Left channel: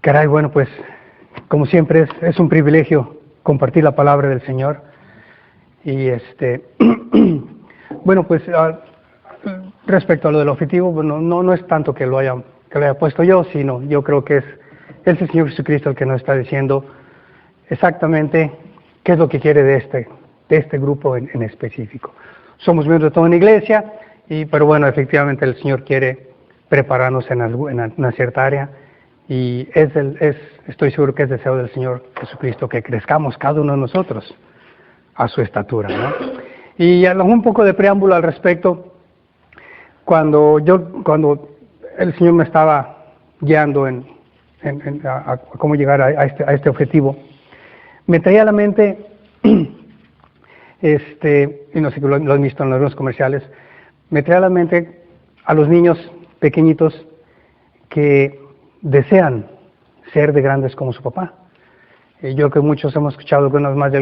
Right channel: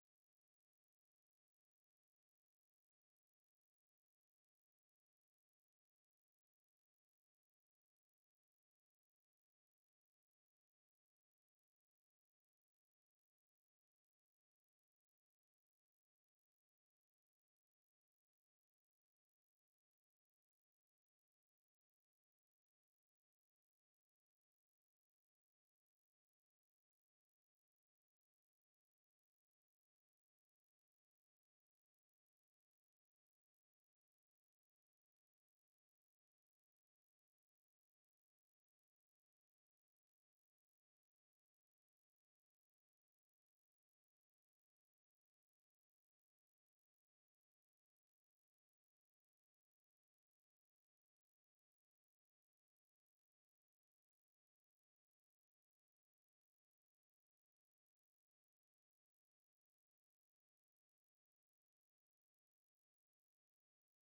Caray, bueno, pues como siempre es un privilegio compartir la palabra del Señor. Y bueno, pues respecto a lo del objetivo, bueno, no es tanto que lo haya puesto yo, sino yo creo que es el Señor Jesucristo el que nos está diciendo exactamente qué es lo que quiere de este grupo en específico. Somos miembros de toda una iglesia, pero bueno, efectivamente el Señor quiere prepararnos en una cierta área. Y estoy seguro que es deseo del Señor Jesucristo que crezcamos cada uno de nosotros a su estatura, ¿no? Y un poco de preámbulo al respecto. Cuando el Señor me estaba guiando a cómo llegar a este objetivo, me traía a la mente, y no sé si lo han visto en los comerciales, me traía a la mente a los niños pequeñitos que desean ser de grandes como su papá. Yo creo que muchos hemos escuchado más de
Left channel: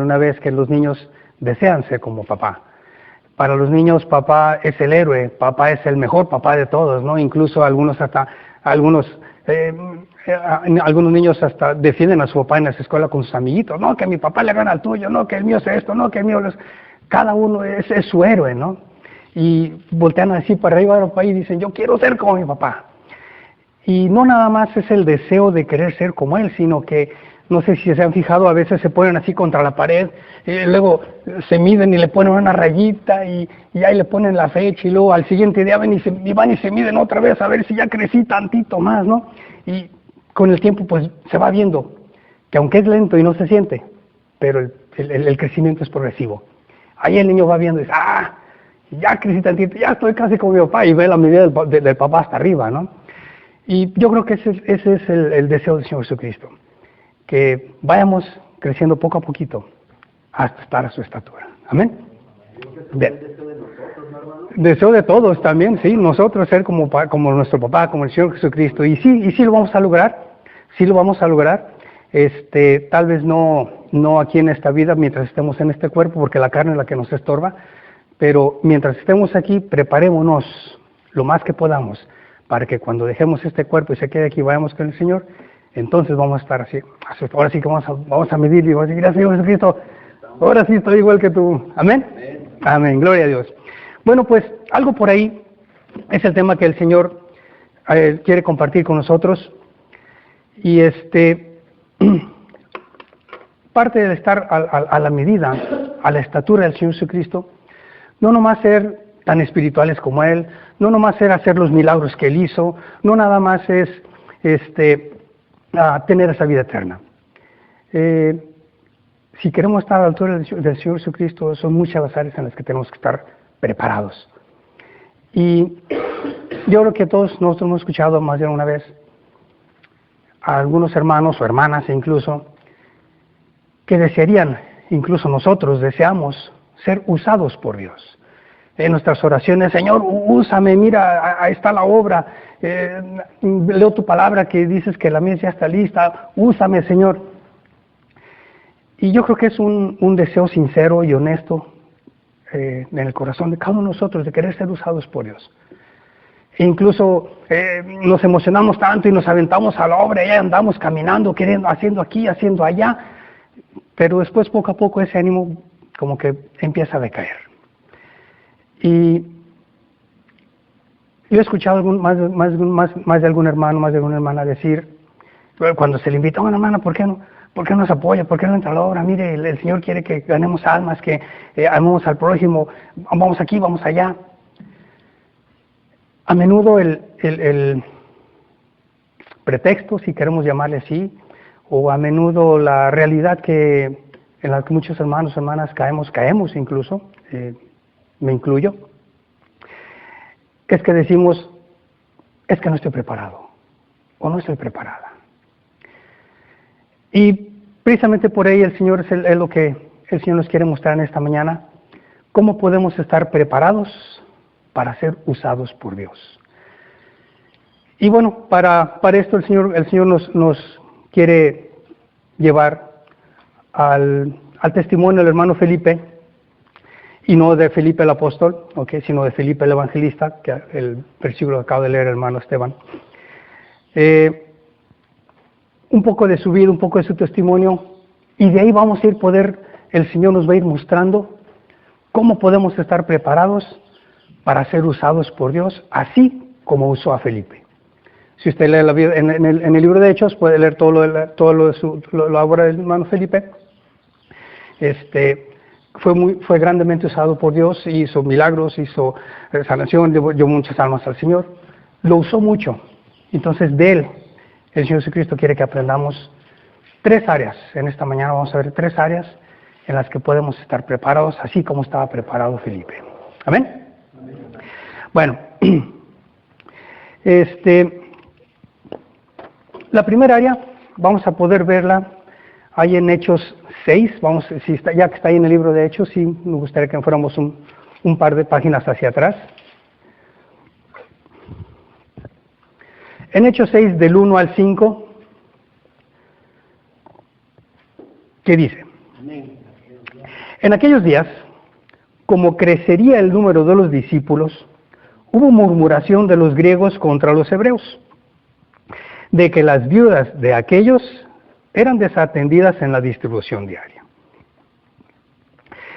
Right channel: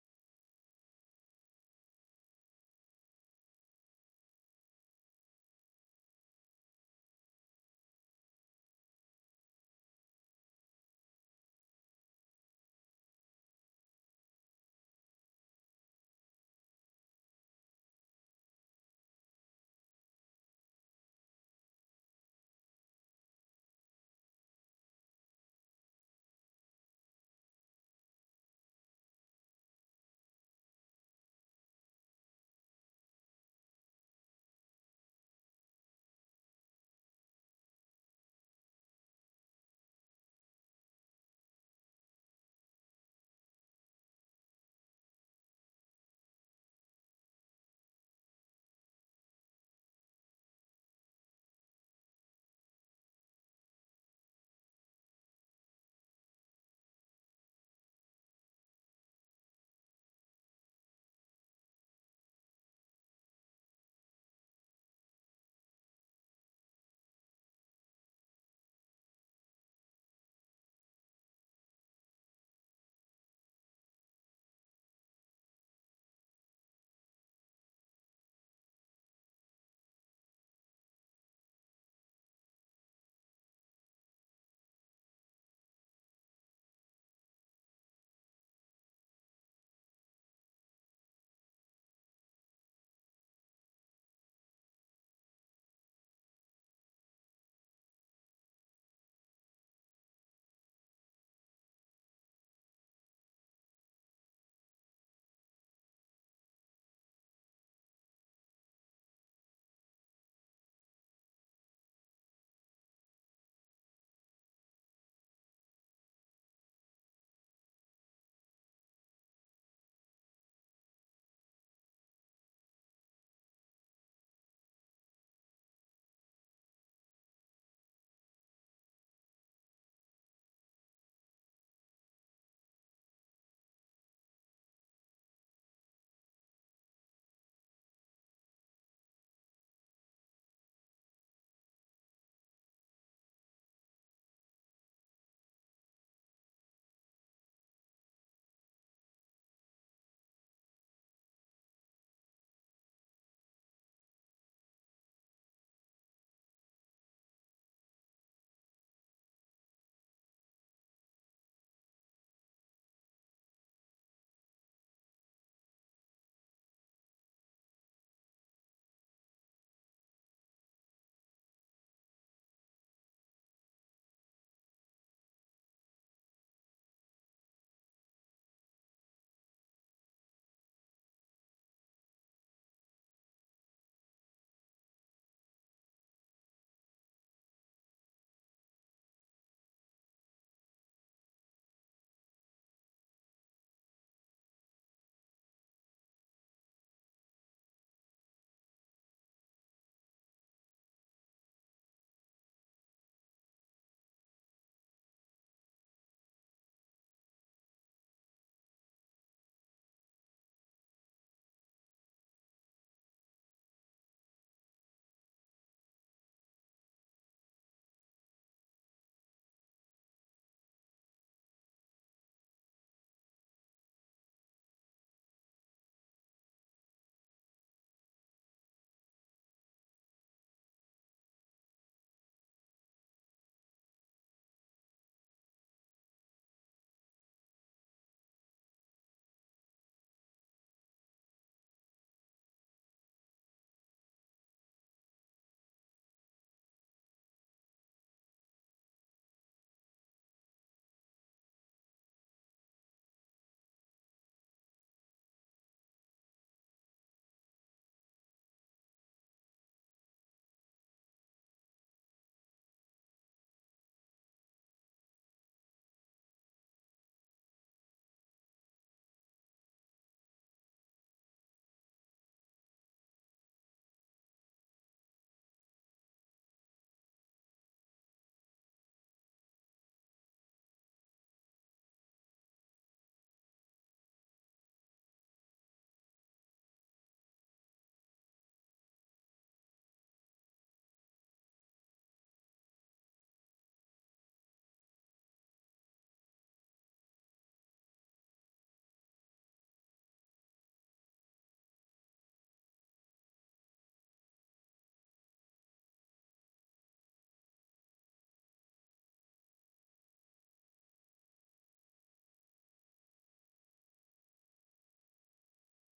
una vez que los niños desean ser como papá. Para los niños papá es el héroe, papá es el mejor papá de todos, ¿no? Incluso algunos niños hasta defienden a su papá en la escuela con sus amiguitos, no, que mi papá le gana al tuyo, no, que el mío es esto, no, que el mío es... Cada uno es su héroe, ¿no? Y voltean así para arriba y dicen, yo quiero ser como mi papá. Y no nada más es el deseo de querer ser como él, sino que, no sé si se han fijado, a veces se ponen así contra la pared, y luego se miden y le ponen una rayita y ahí le ponen la fecha, y luego al siguiente día van y se miden otra vez a ver si ya crecí tantito más, ¿no? Y con el tiempo pues se va viendo que aunque es lento y no se siente, pero el crecimiento es progresivo. Ahí el niño va viendo y dice, ya crecí tantito, ya estoy casi como mi papá, y ve la medida del papá hasta arriba, ¿no? Y yo creo que ese es el deseo del Señor Jesucristo, que vayamos creciendo poco a poquito hasta estar a su estatura. Amén. Bien. Deseo de todos también, sí, nosotros ser como nuestro papá, como el Señor Jesucristo. Y sí lo vamos a lograr, tal vez no aquí en esta vida mientras estemos en este cuerpo, porque la carne es la que nos estorba, pero mientras estemos aquí, preparémonos lo más que podamos para que cuando dejemos este cuerpo y se quede aquí, vayamos con el Señor, entonces vamos a estar así. Ahora sí que vamos a medir y vamos a decir, gracias Señor Jesucristo, ahora sí estoy igual que tú. Amén. Amén, gloria a Dios. Bueno, pues algo por ahí es el tema que el Señor quiere compartir con nosotros. Y parte de estar a la medida, a la estatura del Señor Jesucristo, no nomás ser tan espirituales como Él, no nomás ser hacer los milagros que Él hizo, no nada más es tener esa vida eterna. Si queremos estar a la altura del Señor Jesucristo, son muchas las áreas en las que tenemos que estar preparados. Y yo creo que todos nosotros hemos escuchado más de una vez a algunos hermanos o hermanas incluso, que desearían, incluso nosotros deseamos ser usados por Dios. En nuestras oraciones, Señor, úsame, mira, ahí está la obra, leo tu palabra que dices que la mía ya está lista, úsame, Señor. Y yo creo que es un deseo sincero y honesto en el corazón de cada uno de nosotros de querer ser usados por Dios. E incluso nos emocionamos tanto y nos aventamos a la obra y ahí andamos caminando, haciendo aquí, haciendo allá, pero después poco a poco ese ánimo como que empieza a decaer. Y yo he escuchado más de algún hermano, más de alguna hermana decir, cuando se le invita a una hermana, ¿por qué no nos apoya? ¿Por qué no entra a la obra? Mire, el Señor quiere que ganemos almas, que amemos al prójimo, vamos aquí, vamos allá. A menudo el pretexto, si queremos llamarle así, o a menudo la realidad en la que muchos hermanos, hermanas caemos incluso, me incluyo, es que decimos, es que no estoy preparado, o no estoy preparada. Y precisamente por ahí el Señor es lo que el Señor nos quiere mostrar en esta mañana, cómo podemos estar preparados para ser usados por Dios. Y bueno, para esto el Señor nos quiere llevar al testimonio del hermano Felipe, y no de Felipe el apóstol, sino de Felipe el evangelista, que el versículo que acabo de leer el hermano Esteban. un poco de su vida, un poco de su testimonio, y de ahí vamos a ir el Señor nos va a ir mostrando cómo podemos estar preparados para ser usados por Dios, así como usó a Felipe. Si usted lee en el libro de Hechos, puede leer todo lo de la obra del hermano Felipe. Fue grandemente usado por Dios, hizo milagros, hizo sanación, llevó muchas almas al Señor. Lo usó mucho. Entonces, de él, el Señor Jesucristo quiere que aprendamos 3 áreas. En esta mañana vamos a ver 3 áreas en las que podemos estar preparados, así como estaba preparado Felipe. ¿Amén? Amén. Bueno, la primera área, vamos a poder verla ahí en Hechos 6. Ya que está ahí en el libro de Hechos, sí, me gustaría que fuéramos un par de páginas hacia atrás. En Hechos 6, del 1 al 5, ¿qué dice? En aquellos días, como crecería el número de los discípulos, hubo murmuración de los griegos contra los hebreos, de que las viudas de aquellos eran desatendidas en la distribución diaria.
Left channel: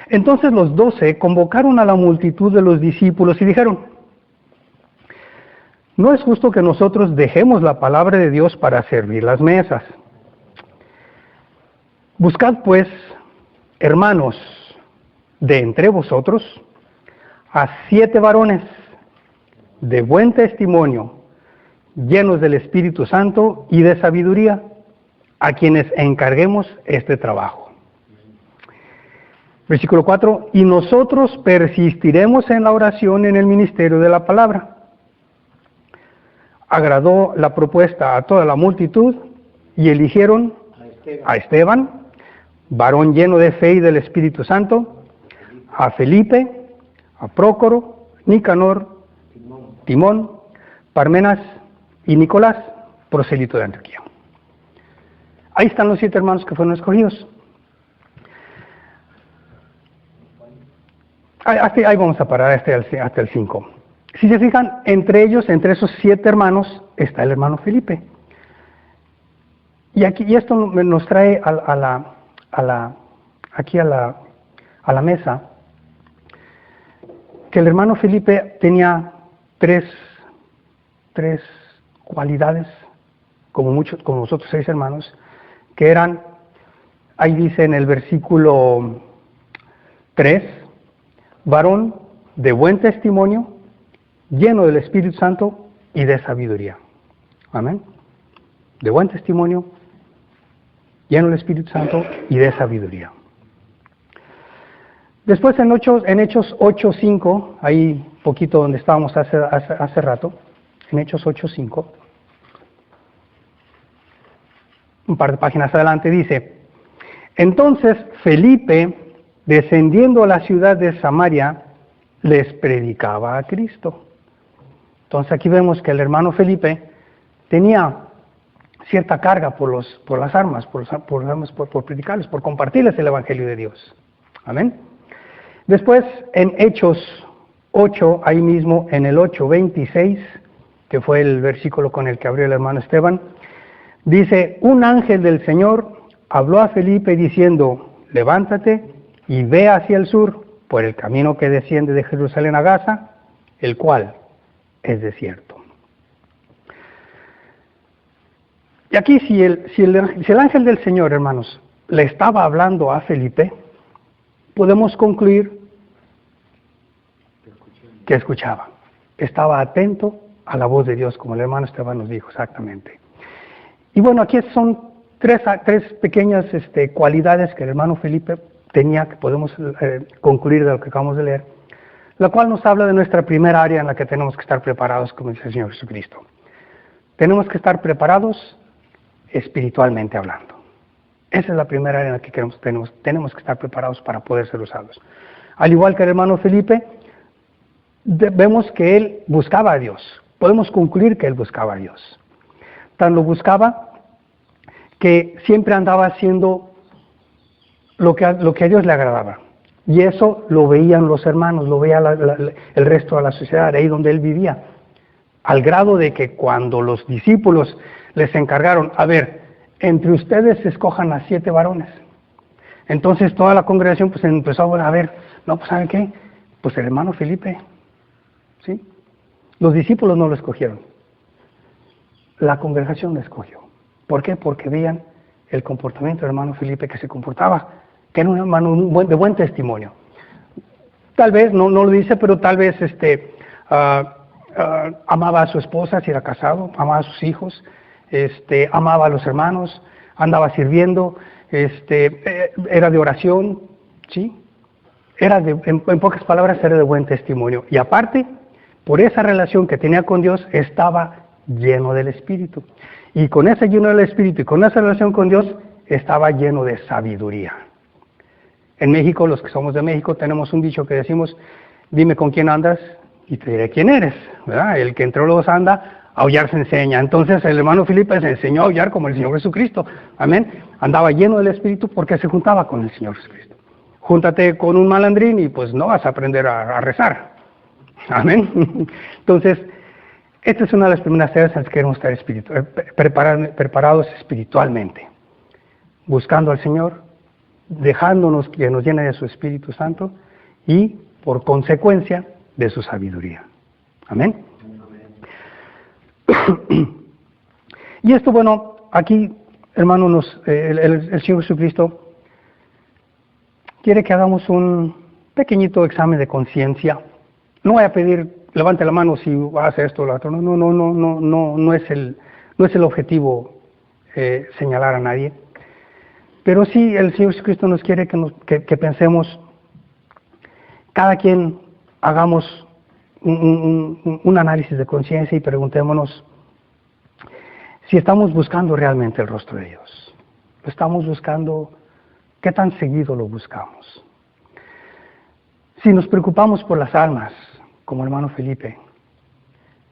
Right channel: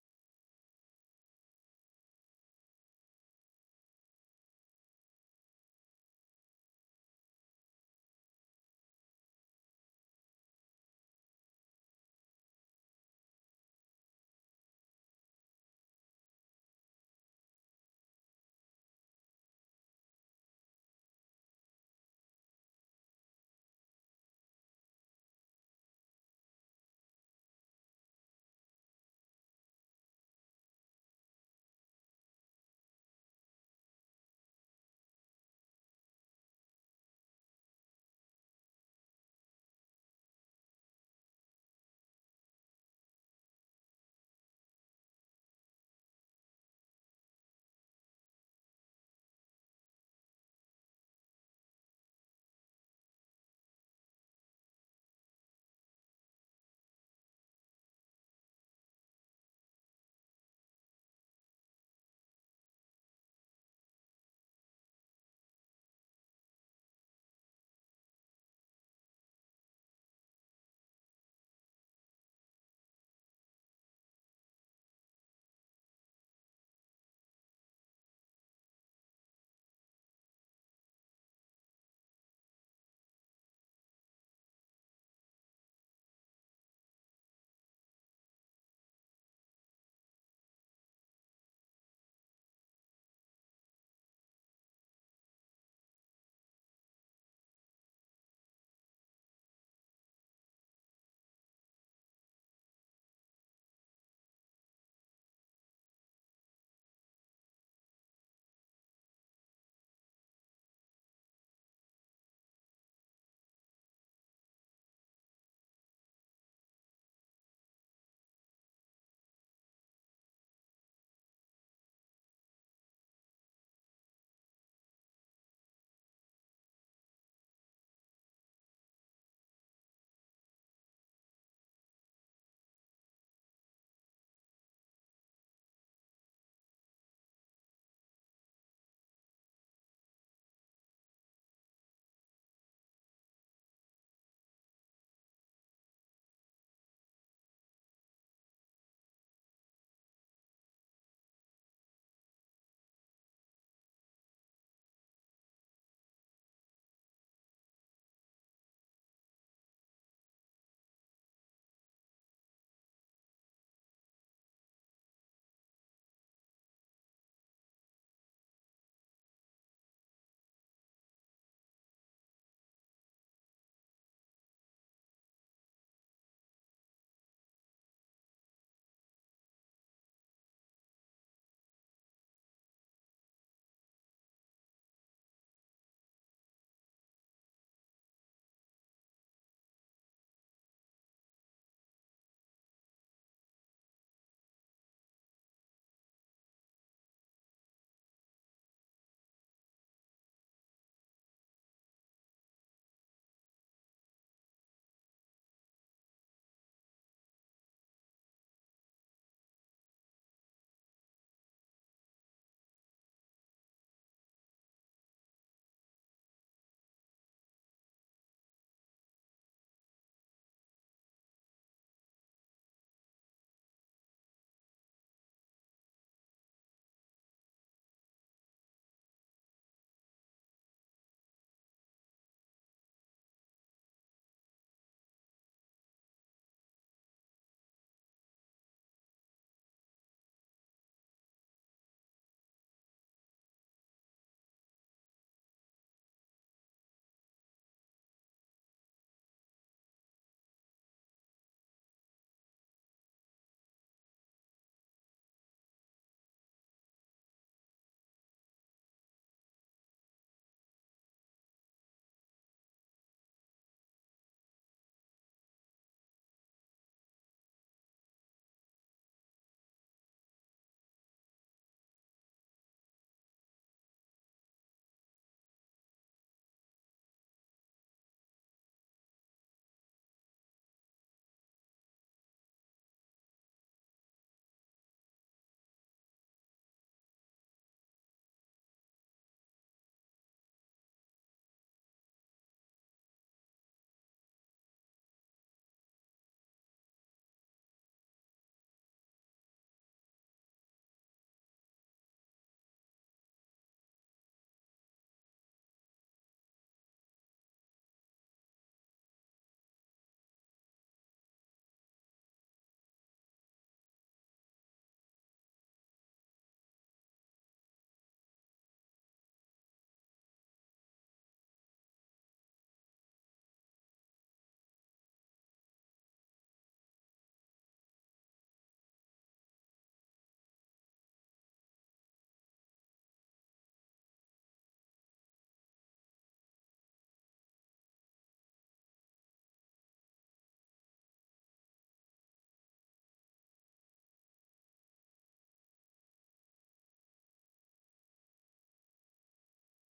Entonces los 12 convocaron a la multitud de los discípulos y dijeron: no es justo que nosotros dejemos la palabra de Dios para servir las mesas. Buscad pues, hermanos, de entre vosotros, a 7 varones de buen testimonio, llenos del Espíritu Santo y de sabiduría, a quienes encarguemos este trabajo. Versículo 4, y nosotros persistiremos en la oración en el ministerio de la palabra. Agradó la propuesta a toda la multitud y eligieron a Esteban, varón lleno de fe y del Espíritu Santo, a Felipe, a Prócoro, Nicanor, Timón, Parmenas y Nicolás, prosélito de Antioquía. Ahí están los 7 hermanos que fueron escogidos. Ahí vamos a parar hasta el 5. Si se fijan, entre esos 7 hermanos, está el hermano Felipe. Y esto nos trae aquí a la mesa, que el hermano Felipe tenía tres cualidades, como los otros 6 hermanos, que eran, ahí dice en el versículo 3, varón de buen testimonio, lleno del Espíritu Santo y de sabiduría. Amén. De buen testimonio, lleno del Espíritu Santo y de sabiduría. Después en Hechos 8:5, ahí poquito donde estábamos hace rato, en Hechos 8:5, un par de páginas adelante dice: entonces Felipe, descendiendo a la ciudad de Samaria, les predicaba a Cristo. Entonces aquí vemos que el hermano Felipe tenía cierta carga por las armas, por predicarles, por compartirles el Evangelio de Dios. Amén. Después en Hechos 8, ahí mismo en el 8:26, que fue el versículo con el que abrió el hermano Esteban, dice: un ángel del Señor habló a Felipe diciendo: levántate y ve hacia el sur por el camino que desciende de Jerusalén a Gaza, el cual es desierto. Y aquí si el ángel del Señor, hermanos, le estaba hablando a Felipe, podemos concluir que escuchaba. Estaba atento a la voz de Dios, como el hermano Esteban nos dijo exactamente. Y bueno, aquí son tres pequeñas cualidades que el hermano Felipe tenía, que podemos concluir de lo que acabamos de leer, la cual nos habla de nuestra primera área en la que tenemos que estar preparados, como dice el Señor Jesucristo. Tenemos que estar preparados espiritualmente hablando. Esa es la primera área en la que tenemos que estar preparados para poder ser usados. Al igual que el hermano Felipe, vemos que él buscaba a Dios. Podemos concluir que él buscaba a Dios. Tan lo buscaba que siempre andaba haciendo lo que a Dios le agradaba. Y eso lo veían los hermanos, lo veía el resto de la sociedad, ahí donde él vivía. Al grado de que cuando los discípulos les encargaron, a ver, entre ustedes escojan a 7 varones. Entonces toda la congregación pues empezó a ver, no, pues ¿saben qué? Pues el hermano Felipe, ¿sí? Los discípulos no lo escogieron, la congregación lo escogió. ¿Por qué? Porque veían el comportamiento del hermano Felipe, que se comportaba, que era un hermano de buen testimonio. Tal vez, no lo dice, pero tal vez amaba a su esposa si era casado, amaba a sus hijos, amaba a los hermanos, andaba sirviendo, era de oración, ¿sí? En pocas palabras, era de buen testimonio. Y aparte, por esa relación que tenía con Dios, estaba lleno del Espíritu. Y con ese lleno del Espíritu y con esa relación con Dios, estaba lleno de sabiduría. En México, los que somos de México, tenemos un dicho que decimos, dime con quién andas y te diré quién eres, ¿verdad? El que entre los anda, a aullar se enseña. Entonces el hermano Felipe se enseñó a aullar como el Señor Jesucristo. Amén. Andaba lleno del Espíritu porque se juntaba con el Señor Jesucristo. Júntate con un malandrín y pues no vas a aprender a rezar. Amén. Entonces, esta es una de las primeras áreas en las que queremos estar preparados espiritualmente. Buscando al Señor, dejándonos que nos llene de su Espíritu Santo y, por consecuencia, de su sabiduría. Amén. Y esto, bueno, aquí, hermanos, el Señor Jesucristo quiere que hagamos un pequeñito examen de conciencia. No voy a pedir, levante la mano si hace esto o lo otro. No es el objetivo señalar a nadie. Pero sí, el Señor Jesucristo nos quiere que pensemos, cada quien hagamos un análisis de conciencia y preguntémonos si estamos buscando realmente el rostro de Dios. ¿Lo estamos buscando? ¿Qué tan seguido lo buscamos? Si nos preocupamos por las almas, como hermano Felipe,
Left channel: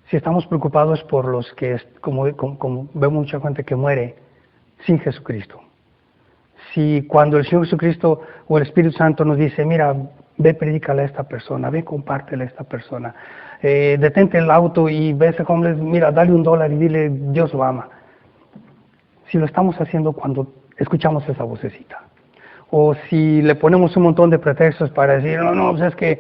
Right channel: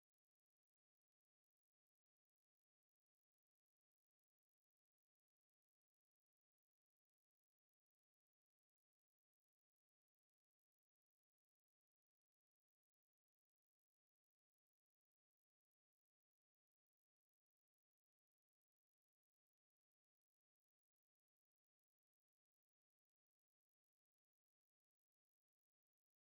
si estamos preocupados por los que, como vemos mucha gente que muere sin Jesucristo, si cuando el Señor Jesucristo o el Espíritu Santo nos dice, mira, ve, predícale a esta persona, ve, compártele a esta persona, detente el auto y ve a ese hombre, mira, dale $1 y dile, Dios lo ama. Si lo estamos haciendo cuando escuchamos esa vocecita. O si le ponemos un montón de pretextos para decir, no, pues es que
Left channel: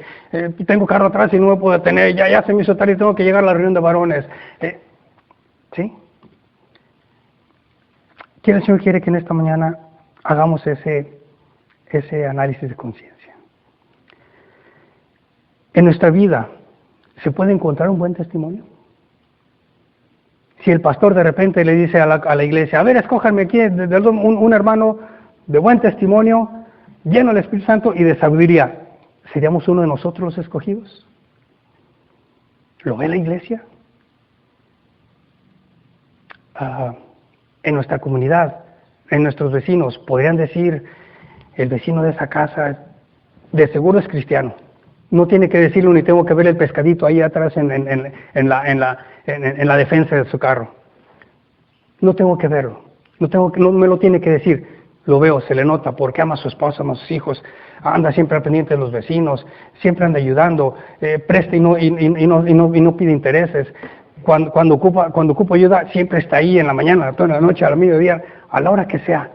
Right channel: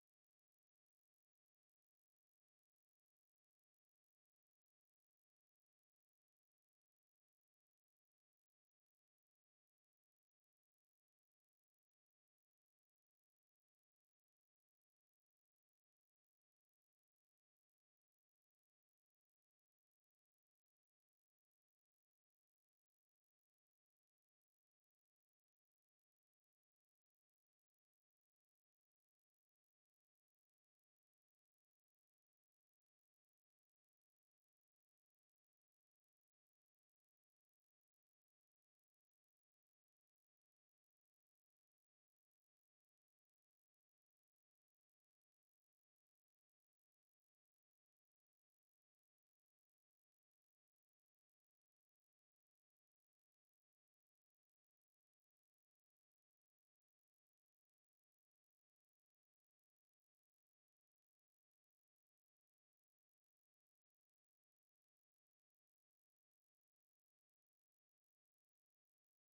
tengo carro atrás y no me puedo detener, ya se me hizo tarde y tengo que llegar a la reunión de varones. ¿Sí? El Señor quiere que en esta mañana hagamos ese análisis de conciencia. En nuestra vida, ¿se puede encontrar un buen testimonio? Si el pastor de repente le dice a la iglesia, a ver, escójanme aquí un hermano de buen testimonio, lleno del Espíritu Santo y de sabiduría, ¿seríamos uno de nosotros los escogidos? ¿Lo ve la iglesia? En nuestra comunidad, en nuestros vecinos, podrían decir, el vecino de esa casa de seguro es cristiano. No tiene que decirlo ni tengo que ver el pescadito ahí atrás en la defensa de su carro. No tengo que verlo. No me lo tiene que decir. Lo veo, se le nota porque ama a su esposa, ama a sus hijos, anda siempre al pendiente de los vecinos, siempre anda ayudando, presta y no pide intereses. Cuando ocupa ayuda, siempre está ahí en la mañana, en la noche, al mediodía, a la hora que sea.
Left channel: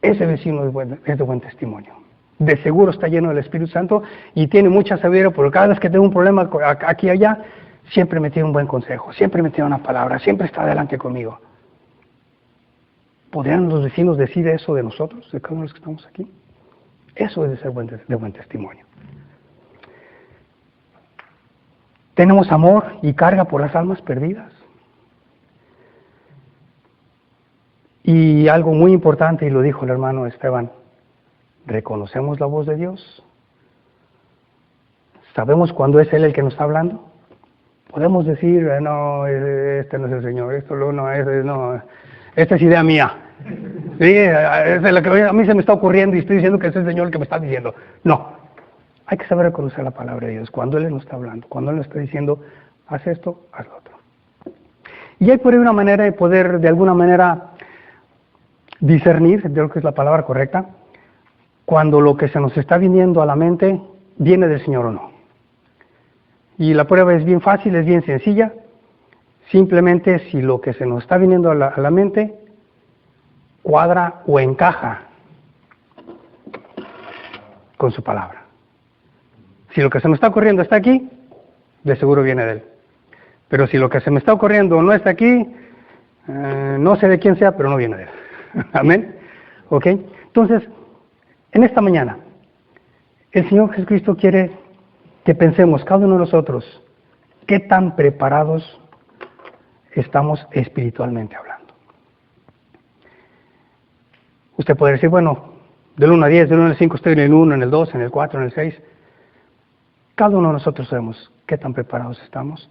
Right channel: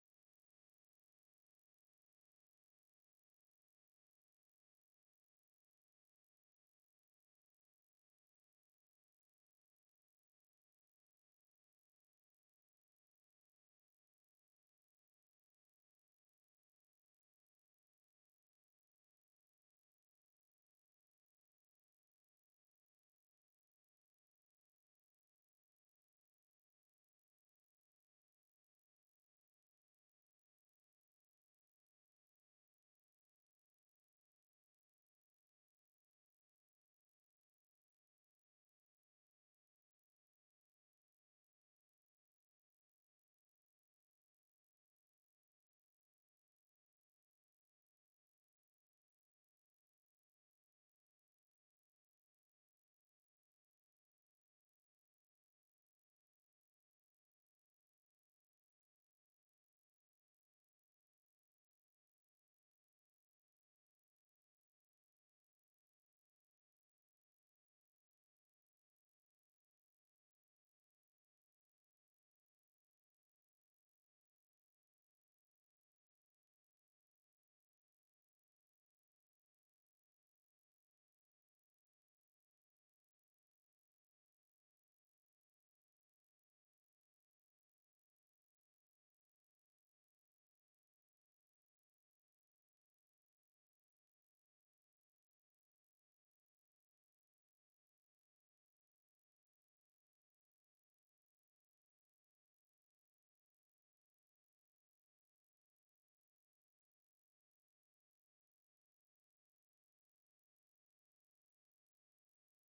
Ese vecino es de buen testimonio. De seguro está lleno del Espíritu Santo y tiene mucha sabiduría, porque cada vez que tengo un problema aquí y allá, siempre me tiene un buen consejo, siempre me tiene una palabra, siempre está adelante conmigo. ¿Podrían los vecinos decir eso de nosotros, de cada uno de los que estamos aquí? Eso es de ser de buen testimonio. ¿Tenemos amor y carga por las almas perdidas? Y algo muy importante, y lo dijo el hermano Esteban, ¿reconocemos la voz de Dios? ¿Sabemos cuándo es Él el que nos está hablando? Podemos decir, no, este no es el Señor, esta es idea mía. Sí, es lo que a mí se me está ocurriendo y estoy diciendo que es el Señor el que me está diciendo. No, hay que saber reconocer la palabra de Dios cuando Él nos está hablando, cuando Él nos está diciendo, haz esto, haz lo otro. Y hay por ahí una manera de poder, de alguna manera, discernir, creo que es la palabra correcta, cuando lo que se nos está viniendo a la mente viene del Señor o no. Y la prueba es bien fácil, es bien sencilla. Simplemente si lo que se nos está viniendo a la mente cuadra o encaja con su palabra. Si lo que se me está ocurriendo está aquí, de seguro viene de Él. Pero si lo que se me está ocurriendo no está aquí, no sé de quién sea, pero no viene de Él. Amén. ¿Ok? Entonces, en esta mañana, el Señor Jesucristo quiere que pensemos, cada uno de nosotros, qué tan preparados estamos espiritualmente hablando. Usted puede decir, bueno, del 1 a 10, del 1 al 5 estoy en el 1, en el 2, en el 4, en el 6. Cada uno de nosotros sabemos qué tan preparados estamos.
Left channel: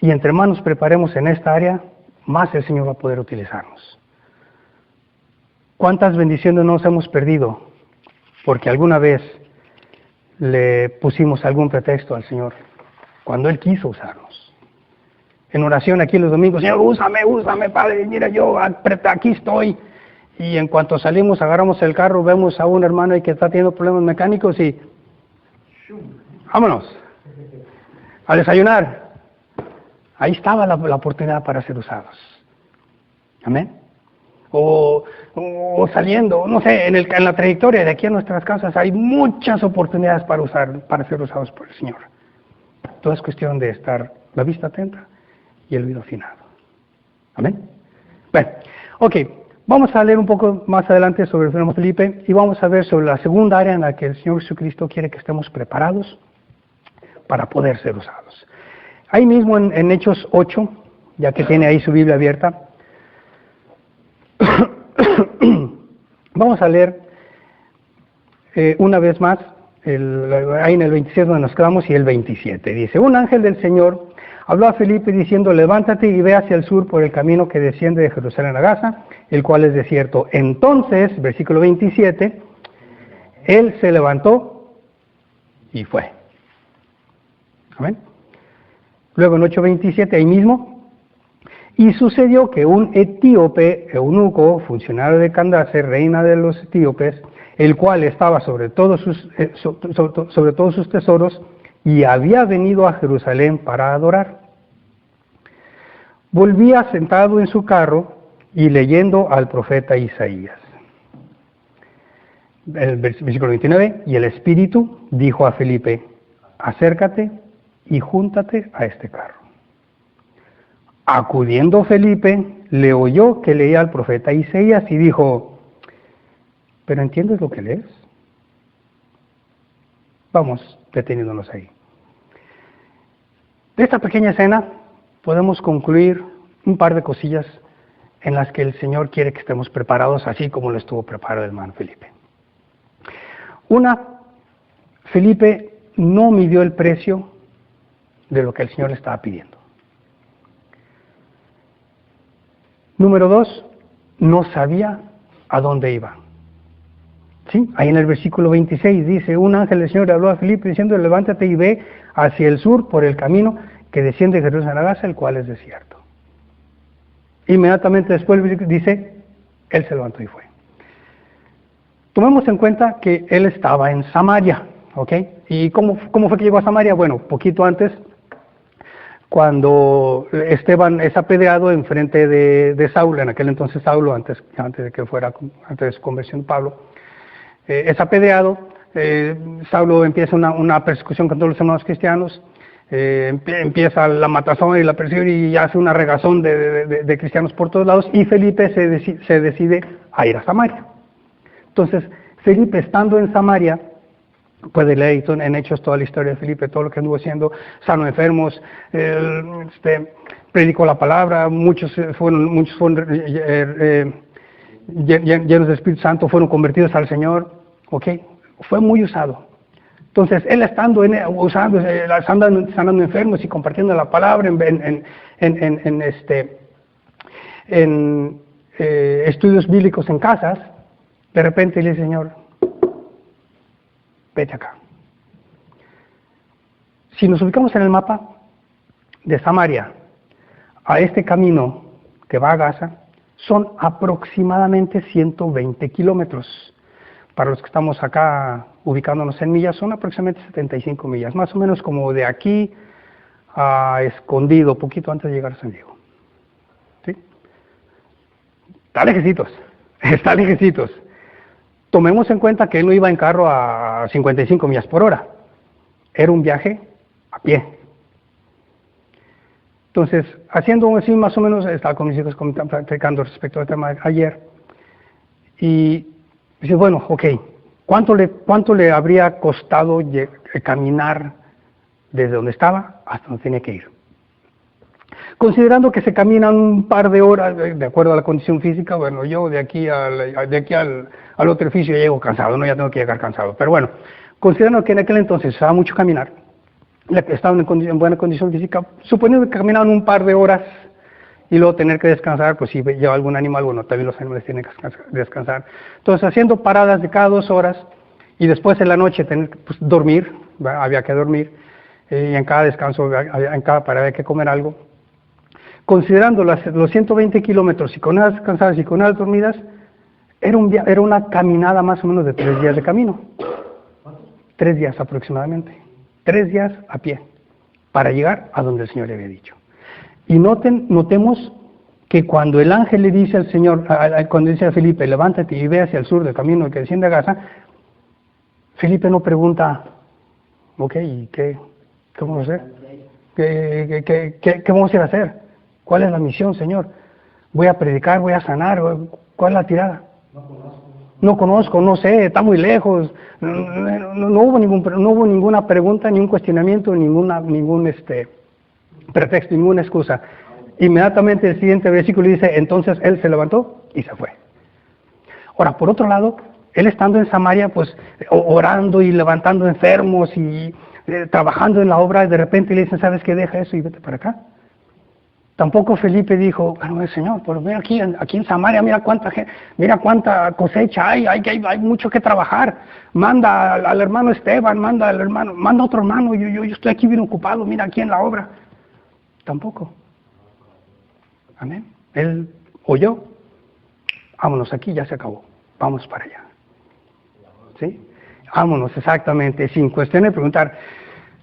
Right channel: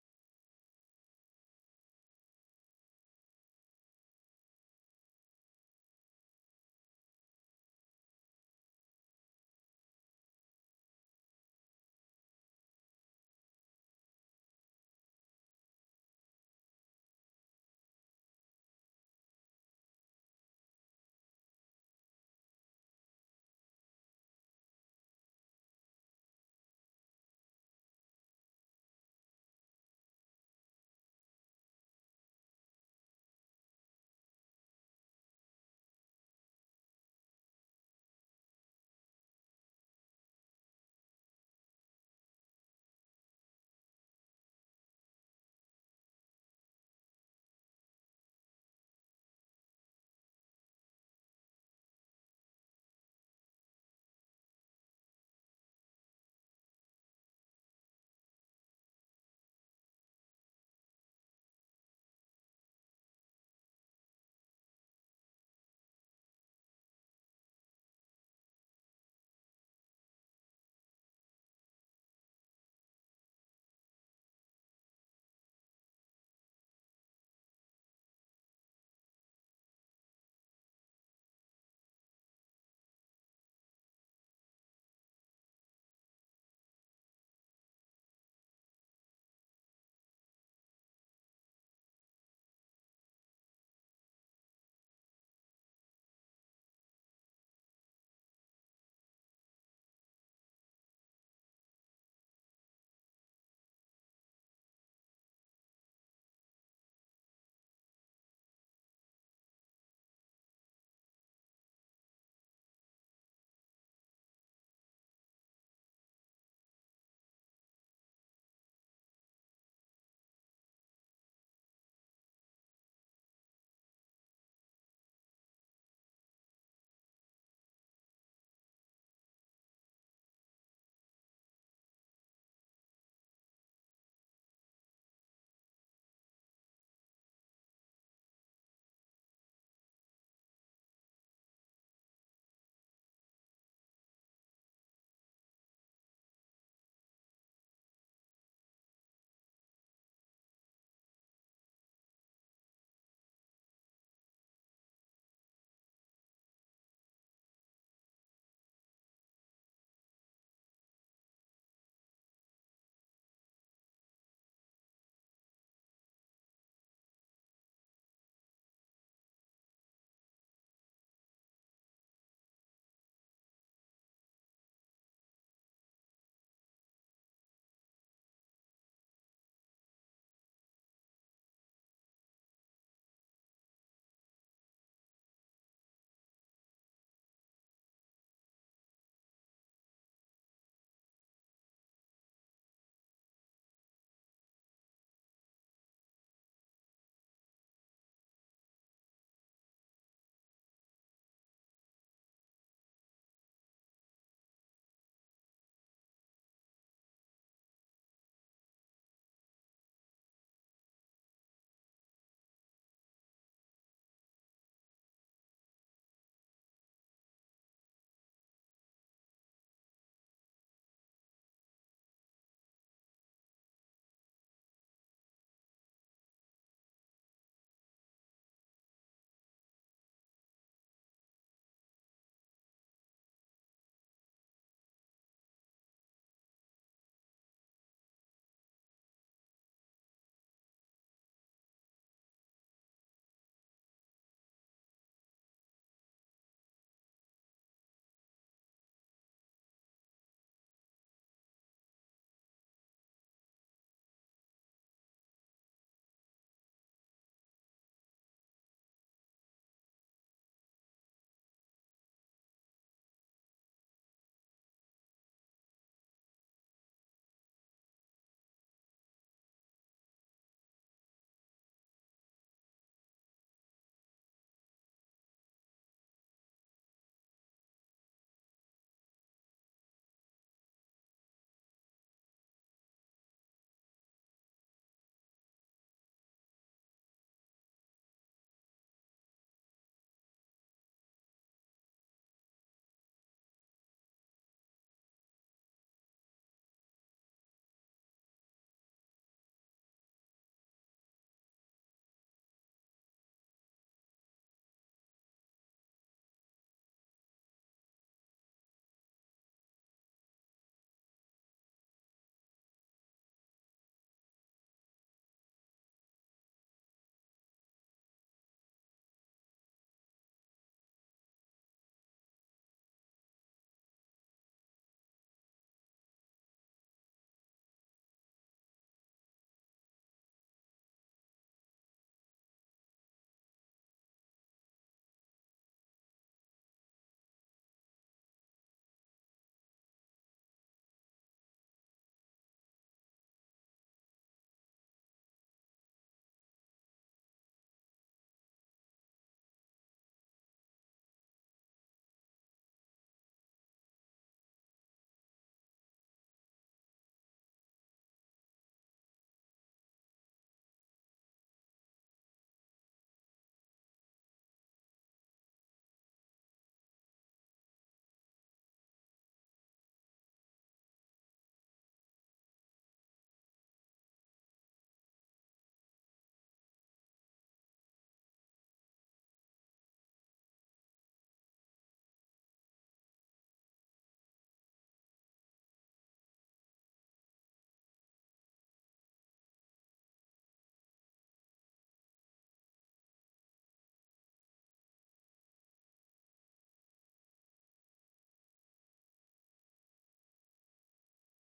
Y entre más nos preparemos en esta área, más el Señor va a poder utilizarnos. ¿Cuántas bendiciones nos hemos perdido porque alguna vez le pusimos algún pretexto al Señor cuando Él quiso usarnos? En oración aquí los domingos, Señor, úsame, Padre, mira, yo aquí estoy. Y en cuanto salimos, agarramos el carro, vemos a un hermano ahí que está teniendo problemas mecánicos y vámonos a desayunar. Ahí estaba la oportunidad para ser usados. Amén. O saliendo, no sé, en la trayectoria de aquí a nuestras casas hay muchas oportunidades para ser usados por el Señor. Todo es cuestión de estar la vista atenta y el oído afinado. Amén. Bueno, ok. Vamos a leer un poco más adelante sobre el hermano Felipe y vamos a ver sobre la segunda área en la que el Señor Jesucristo quiere que estemos preparados para poder ser usados. Ahí mismo en Hechos 8, ya que tiene ahí su Biblia abierta, vamos a leer una vez más, ahí en el 26 donde nos quedamos y el 27. Dice, un ángel del Señor habló a Felipe diciendo, levántate y ve hacia el sur por el camino que desciende de Jerusalén a Gaza, el cual es desierto. Entonces, versículo 27, él se levantó y fue. Amén. Luego en 8:27, ahí mismo, y sucedió que un etíope, eunuco, funcionario de Candace, reina de los etíopes, el cual estaba sobre todos sus tesoros, y había venido a Jerusalén para adorar. Volvía sentado en su carro y leyendo al profeta Isaías. El versículo 29, y el Espíritu dijo a Felipe, acércate y júntate a este carro. Acudiendo Felipe, le oyó que leía al profeta Isaías y dijo, ¿pero entiendes lo que lees? Vamos deteniéndonos ahí. De esta pequeña escena podemos concluir un par de cosillas en las que el Señor quiere que estemos preparados, así como lo estuvo preparado el hermano Felipe. Una, Felipe no midió el precio de lo que el Señor le estaba pidiendo. Número 2, no sabía a dónde iba. ¿Sí? Ahí en el versículo 26 dice, un ángel del Señor le habló a Felipe diciendo, levántate y ve hacia el sur por el camino que desciende de Jerusalén a Gaza, el cual es desierto. Inmediatamente después dice, él se levantó y fue. Tomemos en cuenta que él estaba en Samaria, ¿ok? ¿Y cómo fue que llegó a Samaria? Bueno, poquito antes, cuando Esteban es apedreado en frente de Saulo, en aquel entonces Saulo, antes de su conversión de Pablo, es apedreado, Saulo empieza una persecución con todos los hermanos cristianos, empieza la matazón y la persecución y hace una regazón de cristianos por todos lados, y Felipe se decide a ir a Samaria. Entonces, Felipe estando en Samaria, puede leer en Hechos toda la historia de Felipe, todo lo que anduvo haciendo, sanó enfermos, predicó la palabra, muchos fueron llenos del Espíritu Santo, fueron convertidos al Señor, ¿ok? Fue muy usado. Entonces, él sanando enfermos y compartiendo la palabra en estudios bíblicos en casas, de repente le dice, Señor, vete acá. Si nos ubicamos en el mapa de Samaria a este camino que va a Gaza, son aproximadamente 120 kilómetros. Para los que estamos acá ubicándonos en millas, son aproximadamente 75 millas, más o menos como de aquí a Escondido, poquito antes de llegar a San Diego. ¿Sí? Está lejecitos, Está lejecitos. Tomemos en cuenta que él no iba en carro a 55 millas por hora. Era un viaje a pie. Entonces, haciendo así más o menos, estaba con mis hijos platicando respecto al tema ayer, y dice, bueno, ok, ¿cuánto le habría costado caminar desde donde estaba hasta donde tenía que ir? Considerando que se caminan un par de horas, de acuerdo a la condición física, bueno, yo de aquí al otro edificio llego cansado, no, ya tengo que llegar cansado, pero bueno, considerando que en aquel entonces se usaba mucho caminar, estaban en buena condición física, suponiendo que caminaban un par de horas y luego tener que descansar, pues si lleva algún animal, bueno, también los animales tienen que descansar. Entonces, haciendo paradas de cada 2 horas y después en la noche tener que dormir, había que dormir, y en cada descanso, en cada parada había que comer algo. Considerando los 120 kilómetros y con unas descansadas y con unas dormidas, era una caminada más o menos de 3 días de camino. 3 días aproximadamente. 3 días a pie, para llegar a donde el Señor le había dicho. Y notemos que cuando el ángel le dice al Señor, cuando dice a Felipe, levántate y ve hacia el sur del camino que desciende a Gaza, Felipe no pregunta, ok, ¿y qué vamos a hacer? ¿Qué vamos a ir a hacer? ¿Cuál es la misión, Señor? ¿Voy a predicar, voy a sanar? ¿Cuál es la tirada? No conozco, no sé, está muy lejos. No hubo ninguna pregunta, ni un cuestionamiento, ningún pretexto, ninguna excusa. Inmediatamente el siguiente versículo dice, entonces él se levantó y se fue. Ahora, por otro lado, él estando en Samaria, pues orando y levantando enfermos y trabajando en la obra, y de repente le dicen, ¿sabes qué? Deja eso y vete para acá. Tampoco Felipe dijo, bueno, Señor, pero mira aquí en Samaria, mira cuánta cosecha hay mucho que trabajar. Manda al hermano Esteban, manda a otro hermano, yo estoy aquí bien ocupado, mira aquí en la obra. Tampoco. Amén. Él oyó, vámonos aquí, ya se acabó, vamos para allá. ¿Sí? Vámonos, exactamente, sin cuestión de preguntar.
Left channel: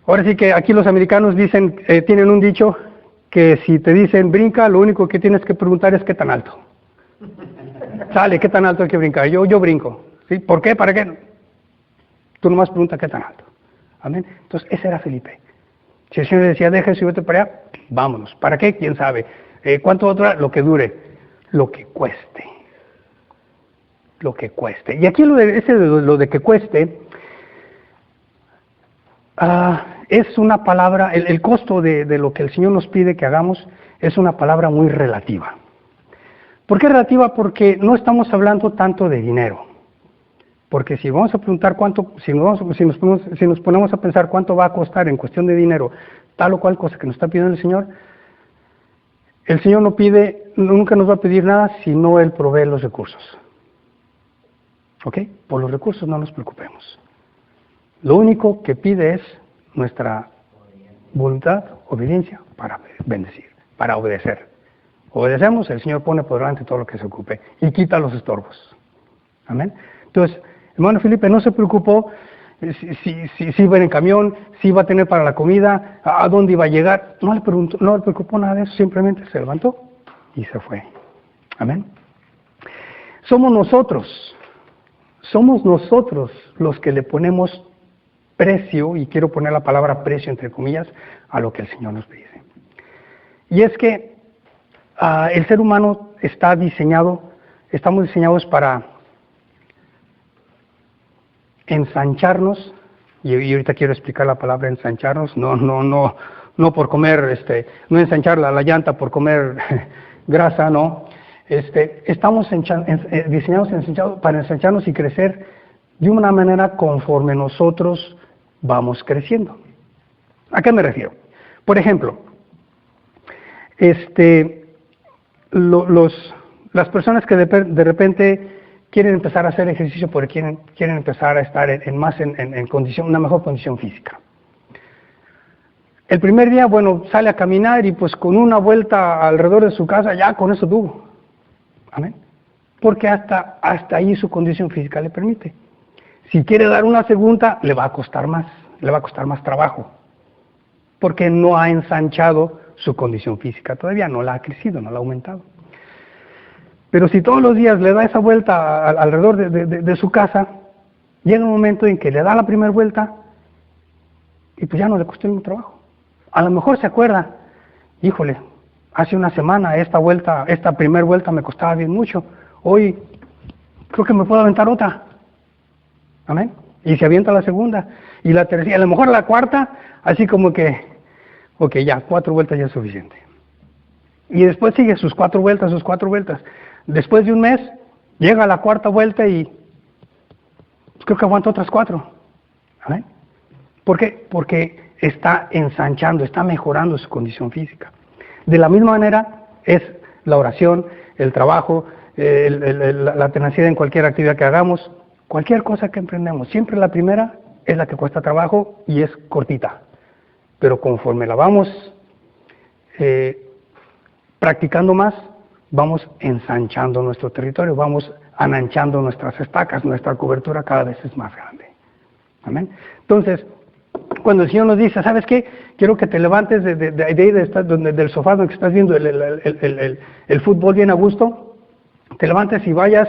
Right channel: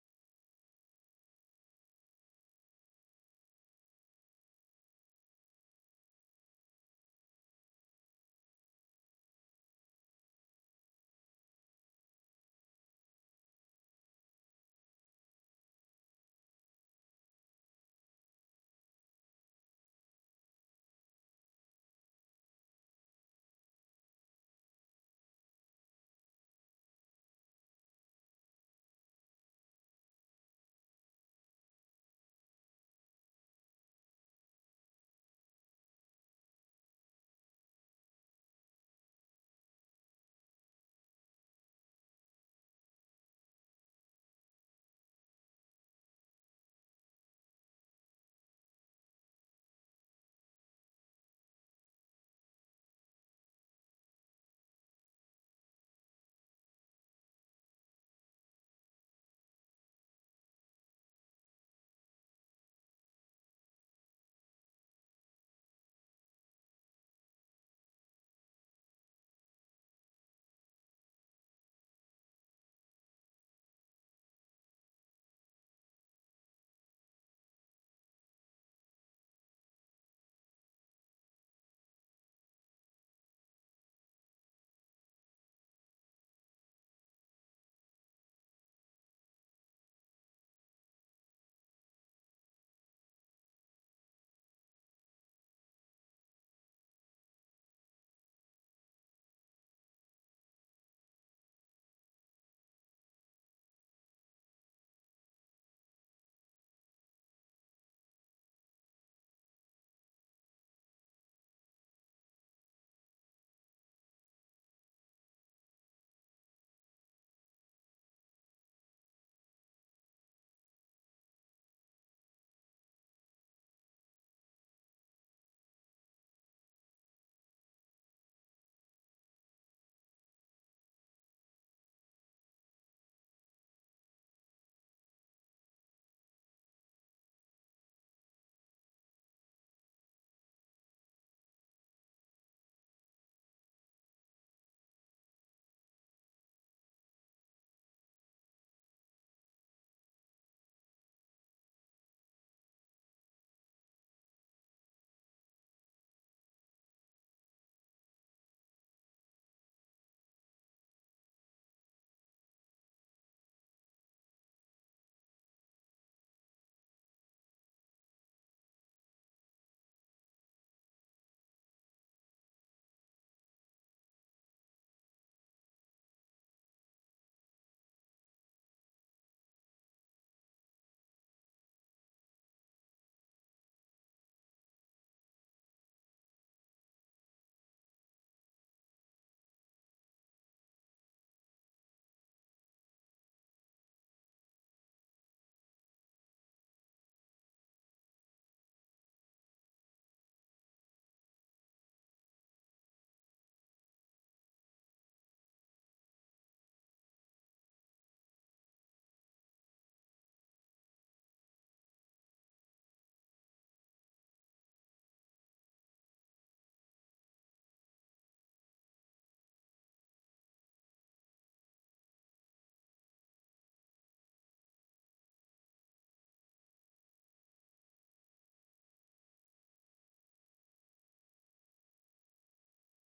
Ahora sí que aquí los americanos dicen, tienen un dicho, que si te dicen brinca, lo único que tienes que preguntar es qué tan alto. Sale, qué tan alto hay que brincar. Yo brinco. ¿Sí? ¿Por qué? ¿Para qué? Tú nomás pregunta qué tan alto. Amén. Entonces, ese era Felipe. Si el Señor le decía, deja eso y vete para allá, vámonos. ¿Para qué? ¿Quién sabe? ¿Cuánto va a durar? Lo que dure. Lo que cueste. Lo que cueste. Y aquí lo de que cueste, es una palabra, el costo de lo que el Señor nos pide que hagamos es una palabra muy relativa. ¿Por qué relativa? Porque no estamos hablando tanto de dinero. Porque si vamos a preguntar si nos ponemos a pensar cuánto va a costar en cuestión de dinero, tal o cual cosa que nos está pidiendo el Señor no pide, nunca nos va a pedir nada si no Él provee los recursos. ¿Ok? Por los recursos no nos preocupemos. Lo único que pide es nuestra voluntad, obediencia para bendecir, para obedecer. Obedecemos, el Señor pone por delante todo lo que se ocupe y quita los estorbos. Amén. Entonces, hermano Felipe no se preocupó si iba en el camión, si iba a tener para la comida, a dónde iba a llegar. No le preocupó nada de eso, simplemente se levantó y se fue. Amén. Somos nosotros los que le ponemos precio, y quiero poner la palabra precio entre comillas, a lo que el Señor nos dice. Y es que el ser humano estamos diseñados para ensancharnos, y ahorita quiero explicar la palabra ensancharnos, no por comer, no ensanchar la llanta por comer grasa, no. Estamos diseñados para ensancharnos y crecer de una manera conforme nosotros vamos creciendo. ¿A qué me refiero? Por ejemplo, las personas que de repente quieren empezar a hacer ejercicio porque quieren empezar a estar en una mejor condición física. El primer día, bueno, sale a caminar y pues con una vuelta alrededor de su casa ya con eso tuvo. Amén. Porque hasta ahí su condición física le permite. Si quiere dar una segunda, le va a costar más trabajo. Porque no ha ensanchado su condición física todavía, no la ha crecido, no la ha aumentado. Pero si todos los días le da esa vuelta alrededor de su casa, llega un momento en que le da la primera vuelta y pues ya no le costó ningún trabajo. A lo mejor se acuerda, híjole, hace una semana esta primera vuelta me costaba bien mucho, hoy creo que me puedo aventar otra. Amén. Y se avienta la segunda y la tercera, a lo mejor la cuarta, así como que, ok, ya, 4 vueltas ya es suficiente. Y después sigue sus 4 vueltas, sus 4 vueltas. Después de un mes, llega a la 4ª vuelta y creo que aguanta otras 4. ¿Amén? ¿Por qué? Porque está ensanchando, está mejorando su condición física. De la misma manera es la oración, el trabajo, la tenacidad en cualquier actividad que hagamos, cualquier cosa que emprendemos. Siempre la primera es la que cuesta trabajo y es cortita. Pero conforme la vamos practicando más, vamos ensanchando nuestro territorio, vamos ananchando nuestras estacas, nuestra cobertura cada vez es más grande. Amén. Entonces, cuando el Señor nos dice, ¿sabes qué? Quiero que te levantes del sofá donde estás viendo el fútbol bien a gusto, te levantes y vayas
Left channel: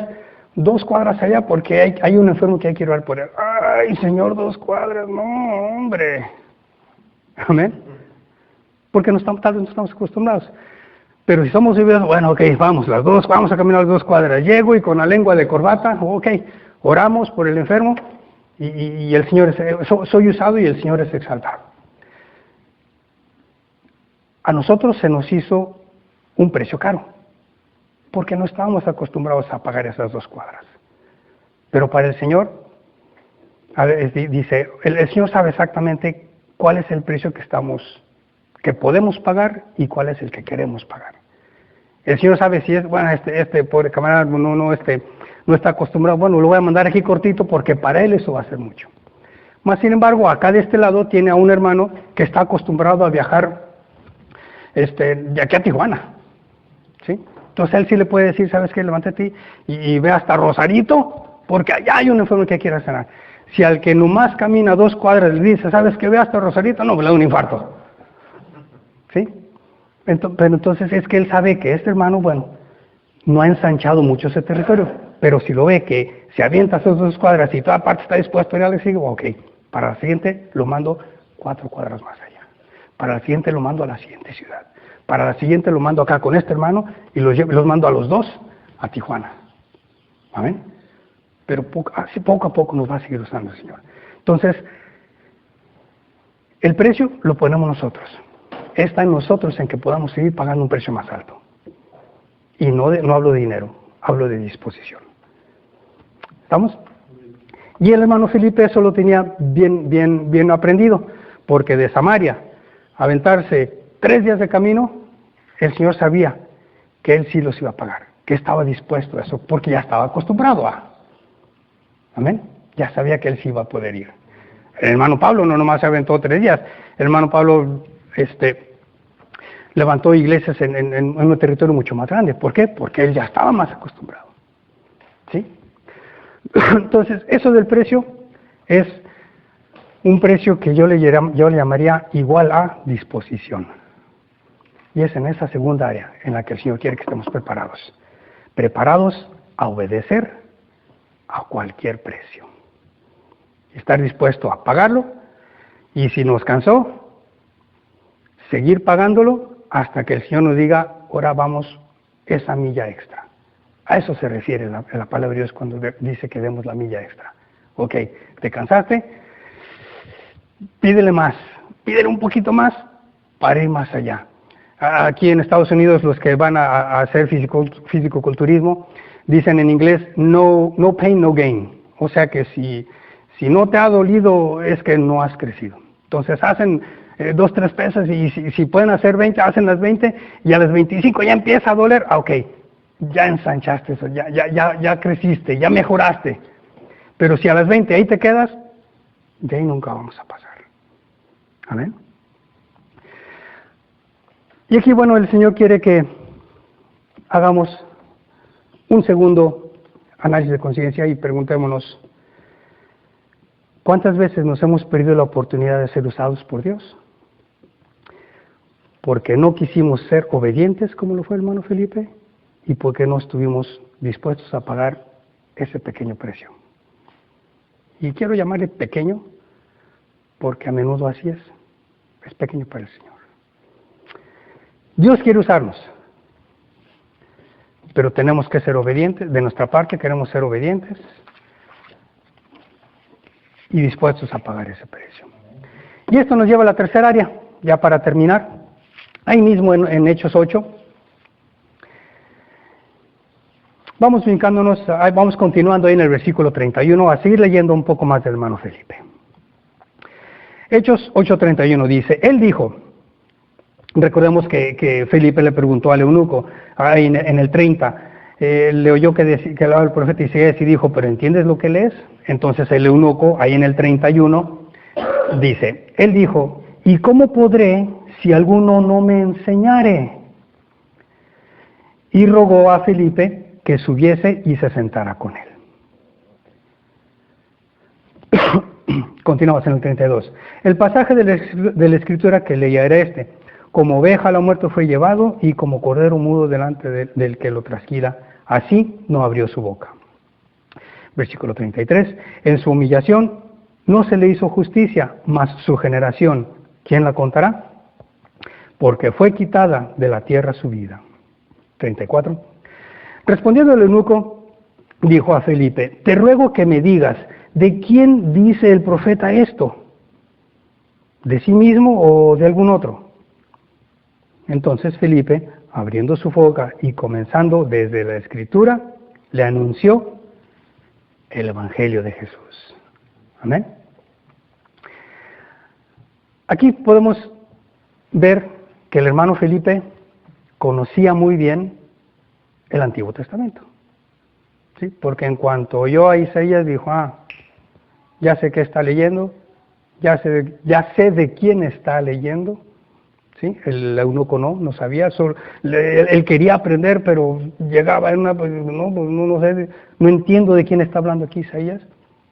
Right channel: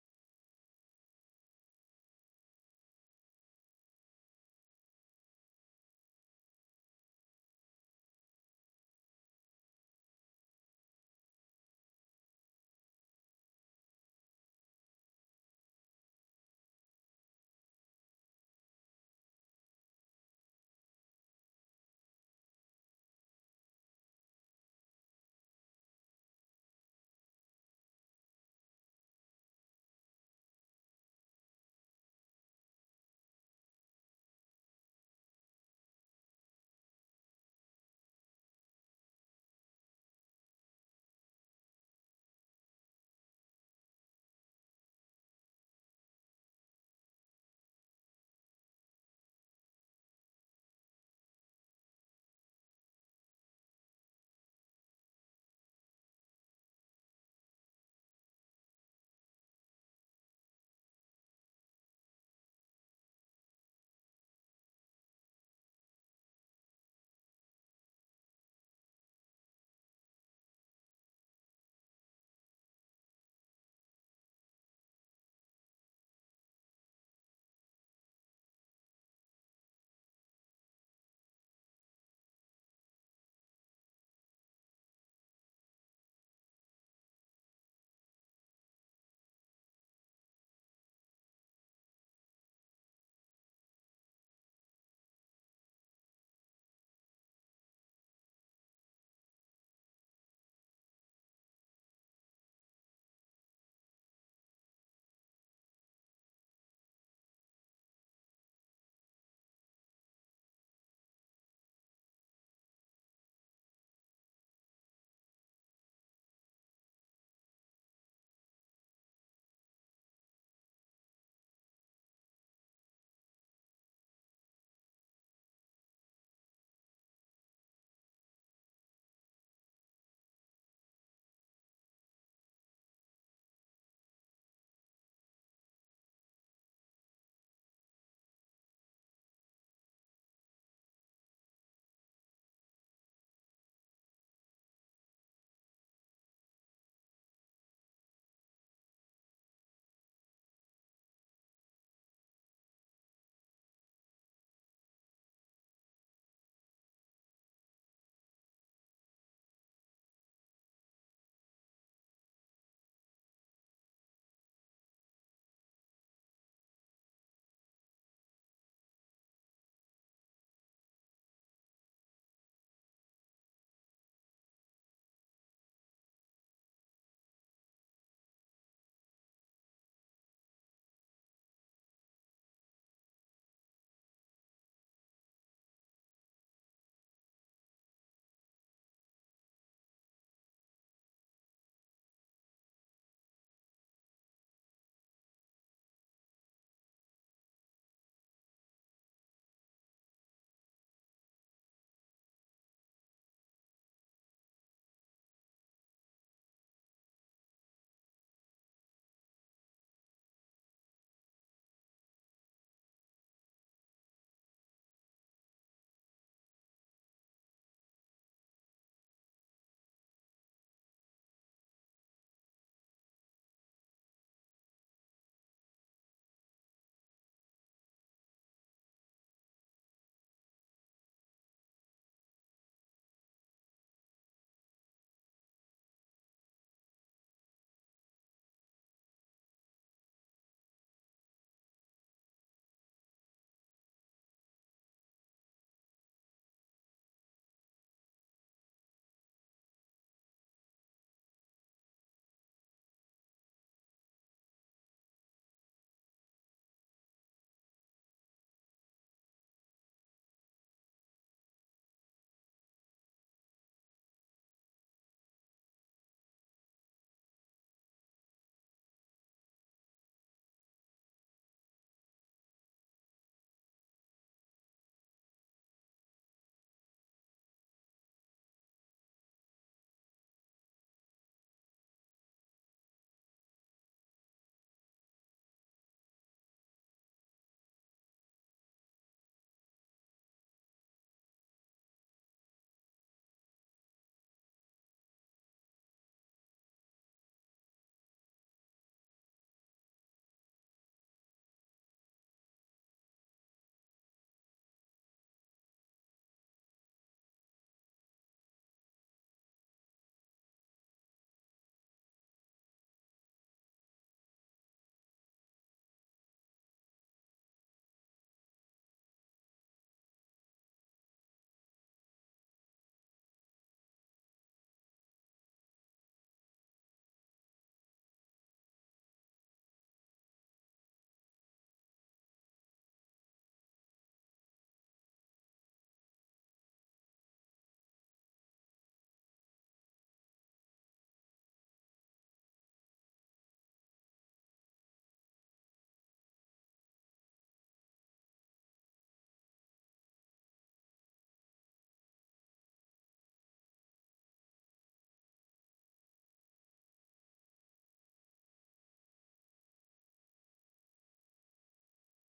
2 cuadras allá porque hay un enfermo que hay que orar por él. ¡Ay, Señor, 2 cuadras! No, hombre. Amén. Porque tal vez no estamos acostumbrados. Pero si somos civiles, bueno, ok, vamos a caminar las 2 cuadras. Llego y con la lengua de corbata, ok, oramos por el enfermo y el Señor soy usado y el Señor es exaltado. A nosotros se nos hizo un precio caro, porque no estábamos acostumbrados a pagar esas 2 cuadras. Pero para el Señor, dice, el Señor sabe exactamente cuál es el precio que podemos pagar y cuál es el que queremos pagar. El Señor sabe si es, bueno, este pobre camarada no está acostumbrado, bueno, lo voy a mandar aquí cortito porque para él eso va a ser mucho. Más sin embargo, acá de este lado tiene a un hermano que está acostumbrado a viajar de aquí a Tijuana, ¿sí? Entonces él sí le puede decir, ¿sabes qué? Levántate y ve hasta Rosarito, porque allá hay un enfermo que quiere sanar. Si al que nomás camina 2 cuadras le dice, ¿sabes qué? Ve hasta Rosarito, no, le da un infarto. ¿Sí? Pero entonces es que él sabe que este hermano, bueno, no ha ensanchado mucho ese territorio, pero si lo ve que se avienta esas 2 cuadras y toda parte está dispuesto, ya le digo, ok, para la siguiente lo mando 4 cuadras más allá, para la siguiente lo mando a la siguiente ciudad, para la siguiente lo mando acá con este hermano y los mando a los 2 a Tijuana. ¿Amén? Pero así poco a poco nos va a seguir usando el Señor. Entonces, el precio lo ponemos nosotros. Está en nosotros en que podamos seguir pagando un precio más alto. Y no hablo de dinero, hablo de disposición. ¿Estamos? Y el hermano Felipe eso lo tenía bien aprendido, porque de Samaria, aventarse 3 días de camino, el Señor sabía que él sí los iba a pagar, que estaba dispuesto a eso, porque ya estaba acostumbrado a. Amén. Ya sabía que él sí iba a poder ir. El hermano Pablo no nomás se aventó 3 días, el hermano Pablo levantó iglesias en un territorio mucho más grande. ¿Por qué? Porque él ya estaba más acostumbrado. ¿Sí? Entonces, eso del precio es un precio que yo le llamaría igual a disposición. Y es en esa segunda área en la que el Señor quiere que estemos preparados. Preparados a obedecer a cualquier precio. Estar dispuesto a pagarlo y si nos cansó, seguir pagándolo hasta que el Señor nos diga, ahora vamos esa milla extra. A eso se refiere la palabra de Dios cuando dice que demos la milla extra. Ok, ¿te cansaste? Pídele más, pídele un poquito más para ir más allá. Aquí en Estados Unidos los que van a hacer fisicoculturismo dicen en inglés no pain, no gain. O sea que si no te ha dolido es que no has crecido. Entonces hacen 2, 3 pesas y si pueden hacer 20, hacen las 20 y a las 25 ya empieza a doler. Ok, ya ensanchaste eso, ya creciste, ya mejoraste. Pero si a las 20 ahí te quedas, de ahí nunca vamos a pasar. Amén. Y aquí, bueno, el Señor quiere que hagamos un segundo análisis de conciencia y preguntémonos, ¿cuántas veces nos hemos perdido la oportunidad de ser usados por Dios? Porque no quisimos ser obedientes como lo fue el hermano Felipe, y por qué no estuvimos dispuestos a pagar ese pequeño precio. Y quiero llamarle pequeño porque a menudo así es pequeño para el Señor. Dios quiere usarnos, pero tenemos que ser obedientes, de nuestra parte queremos ser obedientes y dispuestos a pagar ese precio. Y esto nos lleva a la tercera área, ya para terminar, ahí mismo en Hechos 8. Vamos brincándonos, vamos continuando ahí en el versículo 31, a seguir leyendo un poco más del hermano Felipe. Hechos 8:31 dice, él dijo, recordemos que Felipe le preguntó al eunuco, ahí en el 30, le oyó que hablaba el profeta Isaías y dijo, ¿pero entiendes lo que lees? Entonces el eunuco, ahí en el 31, dice, él dijo, ¿y cómo podré si alguno no me enseñare? Y rogó a Felipe que subiese y se sentara con él. Continuamos en el 32. El pasaje de la Escritura que leía era este. Como oveja a la muerte fue llevado y como cordero mudo delante del que lo trasquila, así no abrió su boca. Versículo 33. En su humillación no se le hizo justicia, mas su generación, ¿quién la contará? Porque fue quitada de la tierra su vida. 34. Respondiendo el eunuco, dijo a Felipe, te ruego que me digas, ¿de quién dice el profeta esto? ¿De sí mismo o de algún otro? Entonces Felipe, abriendo su boca y comenzando desde la Escritura, le anunció el Evangelio de Jesús. Amén. Aquí podemos ver que el hermano Felipe conocía muy bien el Antiguo Testamento. ¿Sí? Porque en cuanto oyó a Isaías dijo, ya sé qué está leyendo, ya sé de quién está leyendo. ¿Sí? El eunuco no sabía, él quería aprender, pero llegaba en no sé, no entiendo de quién está hablando aquí Isaías.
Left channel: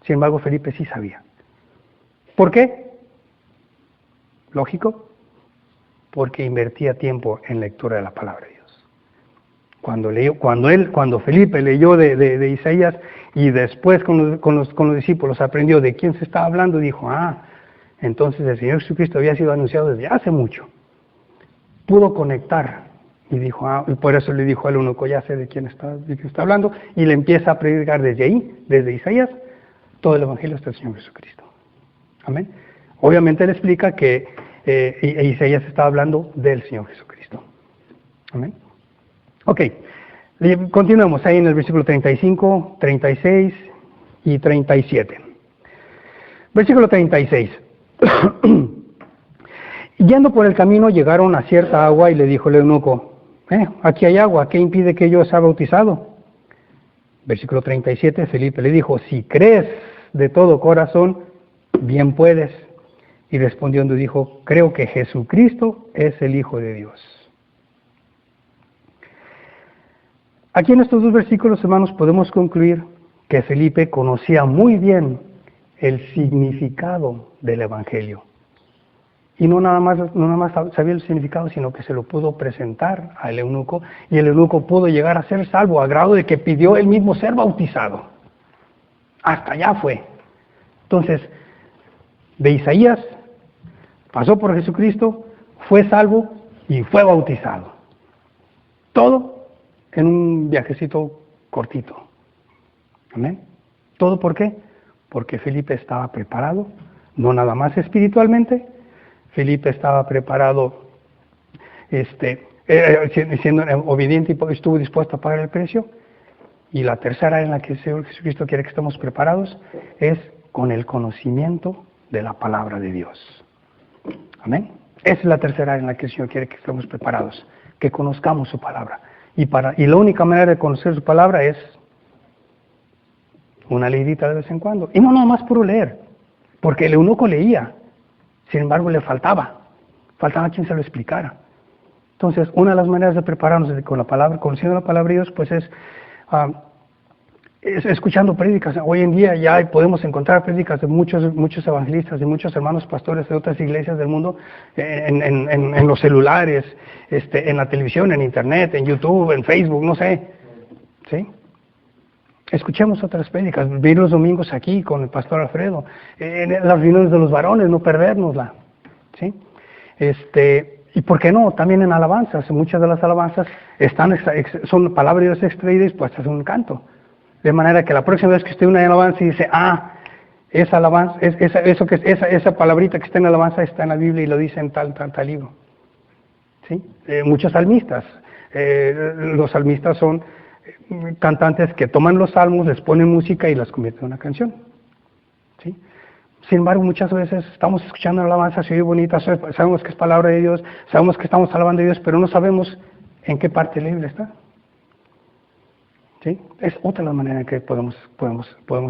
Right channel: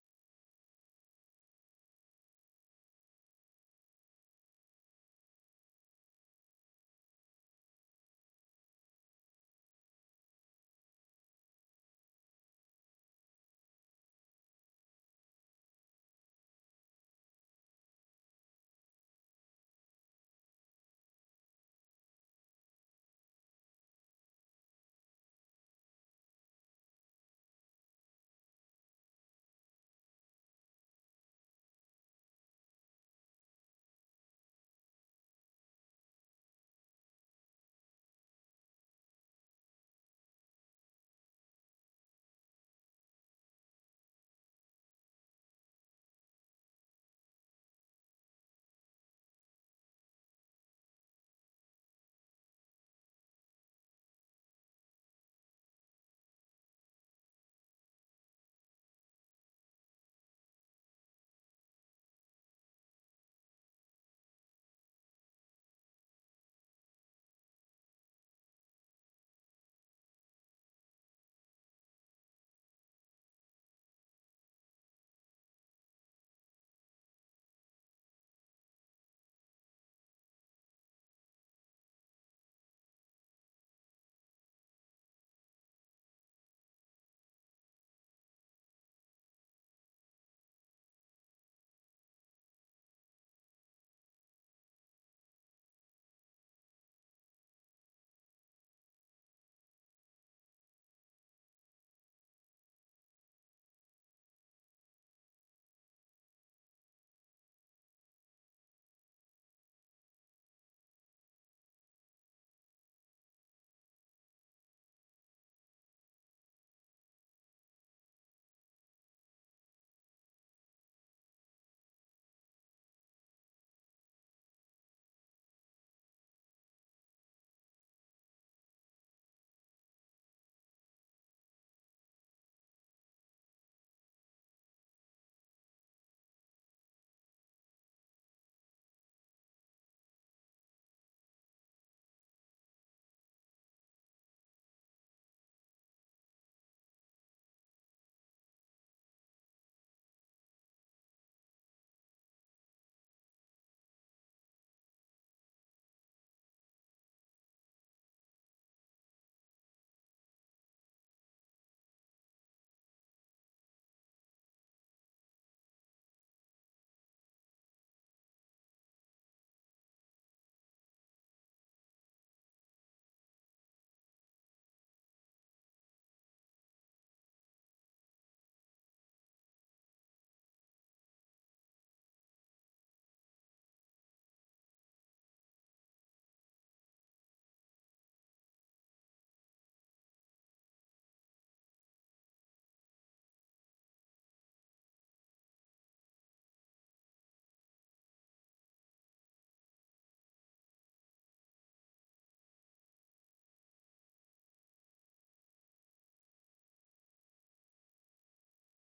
Sin embargo, Felipe sí sabía. ¿Por qué? Lógico, porque invertía tiempo en lectura de la palabra de Dios. Cuando Felipe leyó de Isaías y después con los discípulos aprendió de quién se estaba hablando, dijo, entonces el Señor Jesucristo había sido anunciado desde hace mucho. Pudo conectar y dijo, y por eso le dijo al eunuco, ya sé de quién está hablando, y le empieza a predicar desde ahí, desde Isaías, todo el Evangelio hasta el Señor Jesucristo. Amén. Obviamente él explica que Isaías estaba hablando del Señor Jesucristo. Amén. Ok, continuemos ahí en el versículo 35, 36 y 37. Versículo 36. Yendo por el camino llegaron a cierta agua y le dijo el eunuco, aquí hay agua, ¿qué impide que yo sea bautizado? Versículo 37, Felipe le dijo, si crees de todo corazón, bien puedes. Y respondiendo dijo, creo que Jesucristo es el Hijo de Dios. Aquí en estos dos versículos, hermanos, podemos concluir que Felipe conocía muy bien el significado del Evangelio. Y no nada más sabía el significado, sino que se lo pudo presentar al eunuco, y el eunuco pudo llegar a ser salvo, a grado de que pidió él mismo ser bautizado. Hasta allá fue. Entonces, de Isaías, pasó por Jesucristo, fue salvo y fue bautizado. Todo en un viajecito cortito. ¿Amén? ¿Todo por qué? Porque Felipe estaba preparado, no nada más espiritualmente. Felipe estaba preparado, siendo obediente y estuvo dispuesto a pagar el precio. Y la tercera en la que el Señor Jesucristo quiere que estemos preparados es con el conocimiento de la palabra de Dios. Amén. Esa es la tercera en la que el Señor quiere que estemos preparados, que conozcamos su palabra. Y la única manera de conocer su palabra es una leidita de vez en cuando. Y no nada más puro leer, porque el eunuco leía. Sin embargo, le faltaba quien se lo explicara. Entonces, una de las maneras de prepararnos con la palabra, conociendo la palabra de Dios, pues es escuchando prédicas. Hoy en día ya podemos encontrar prédicas de muchos evangelistas, de muchos hermanos pastores de otras iglesias del mundo en los celulares, en la televisión, en internet, en YouTube, en Facebook, no sé. ¿Sí? Escuchemos otras prédicas, venir los domingos aquí con el pastor Alfredo, en las reuniones de los varones, no perdérnosla. ¿Sí? Y por qué no, también en alabanzas, muchas de las alabanzas son palabras de Dios extraídas puestas en un canto. De manera que la próxima vez que esté una alabanza y dice, esa alabanza, esa palabrita que está en la alabanza está en la Biblia y lo dice en tal libro. ¿Sí? Muchos salmistas, los salmistas son cantantes que toman los salmos, les ponen música y las convierten en una canción. ¿Sí? Sin embargo, muchas veces estamos escuchando la alabanza, se oye bonita, sabemos que es palabra de Dios, sabemos que estamos alabando a Dios, pero no sabemos en qué parte del libro está. ¿Sí? Es otra la manera en que podemos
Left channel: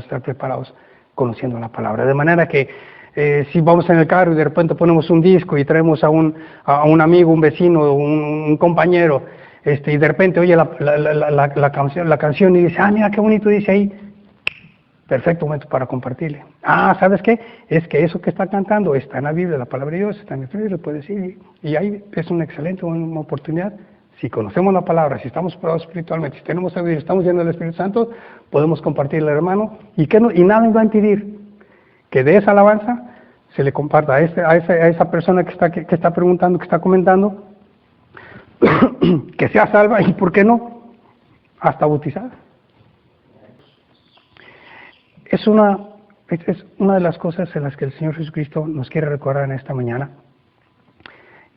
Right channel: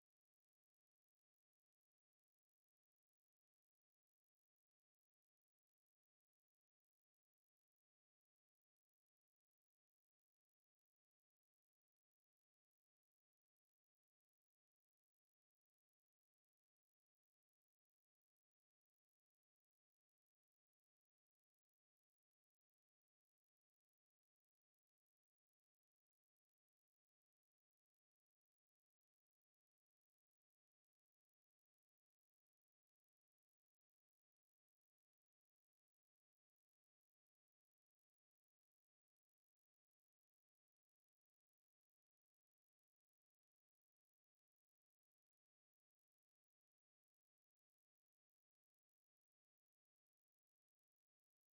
estar preparados conociendo la palabra. De manera que si vamos en el carro y de repente ponemos un disco y traemos a un amigo, un vecino, un compañero, y de repente oye la canción y dice, mira qué bonito dice ahí, perfecto momento para compartirle. ¿Sabes qué? Es que eso que está cantando está en la Biblia, la palabra de Dios, está en el Biblia, lo puede decir, y ahí es una excelente oportunidad. Si conocemos la palabra, si estamos preparados espiritualmente, si tenemos sabiduría, estamos llenos del Espíritu Santo, podemos compartirle al hermano y nada nos va a impedir que de esa alabanza se le comparta a esa persona que está preguntando, que está comentando, que sea salva y, ¿por qué no?, hasta bautizada. Es una de las cosas en las que el Señor Jesucristo nos quiere recordar en esta mañana,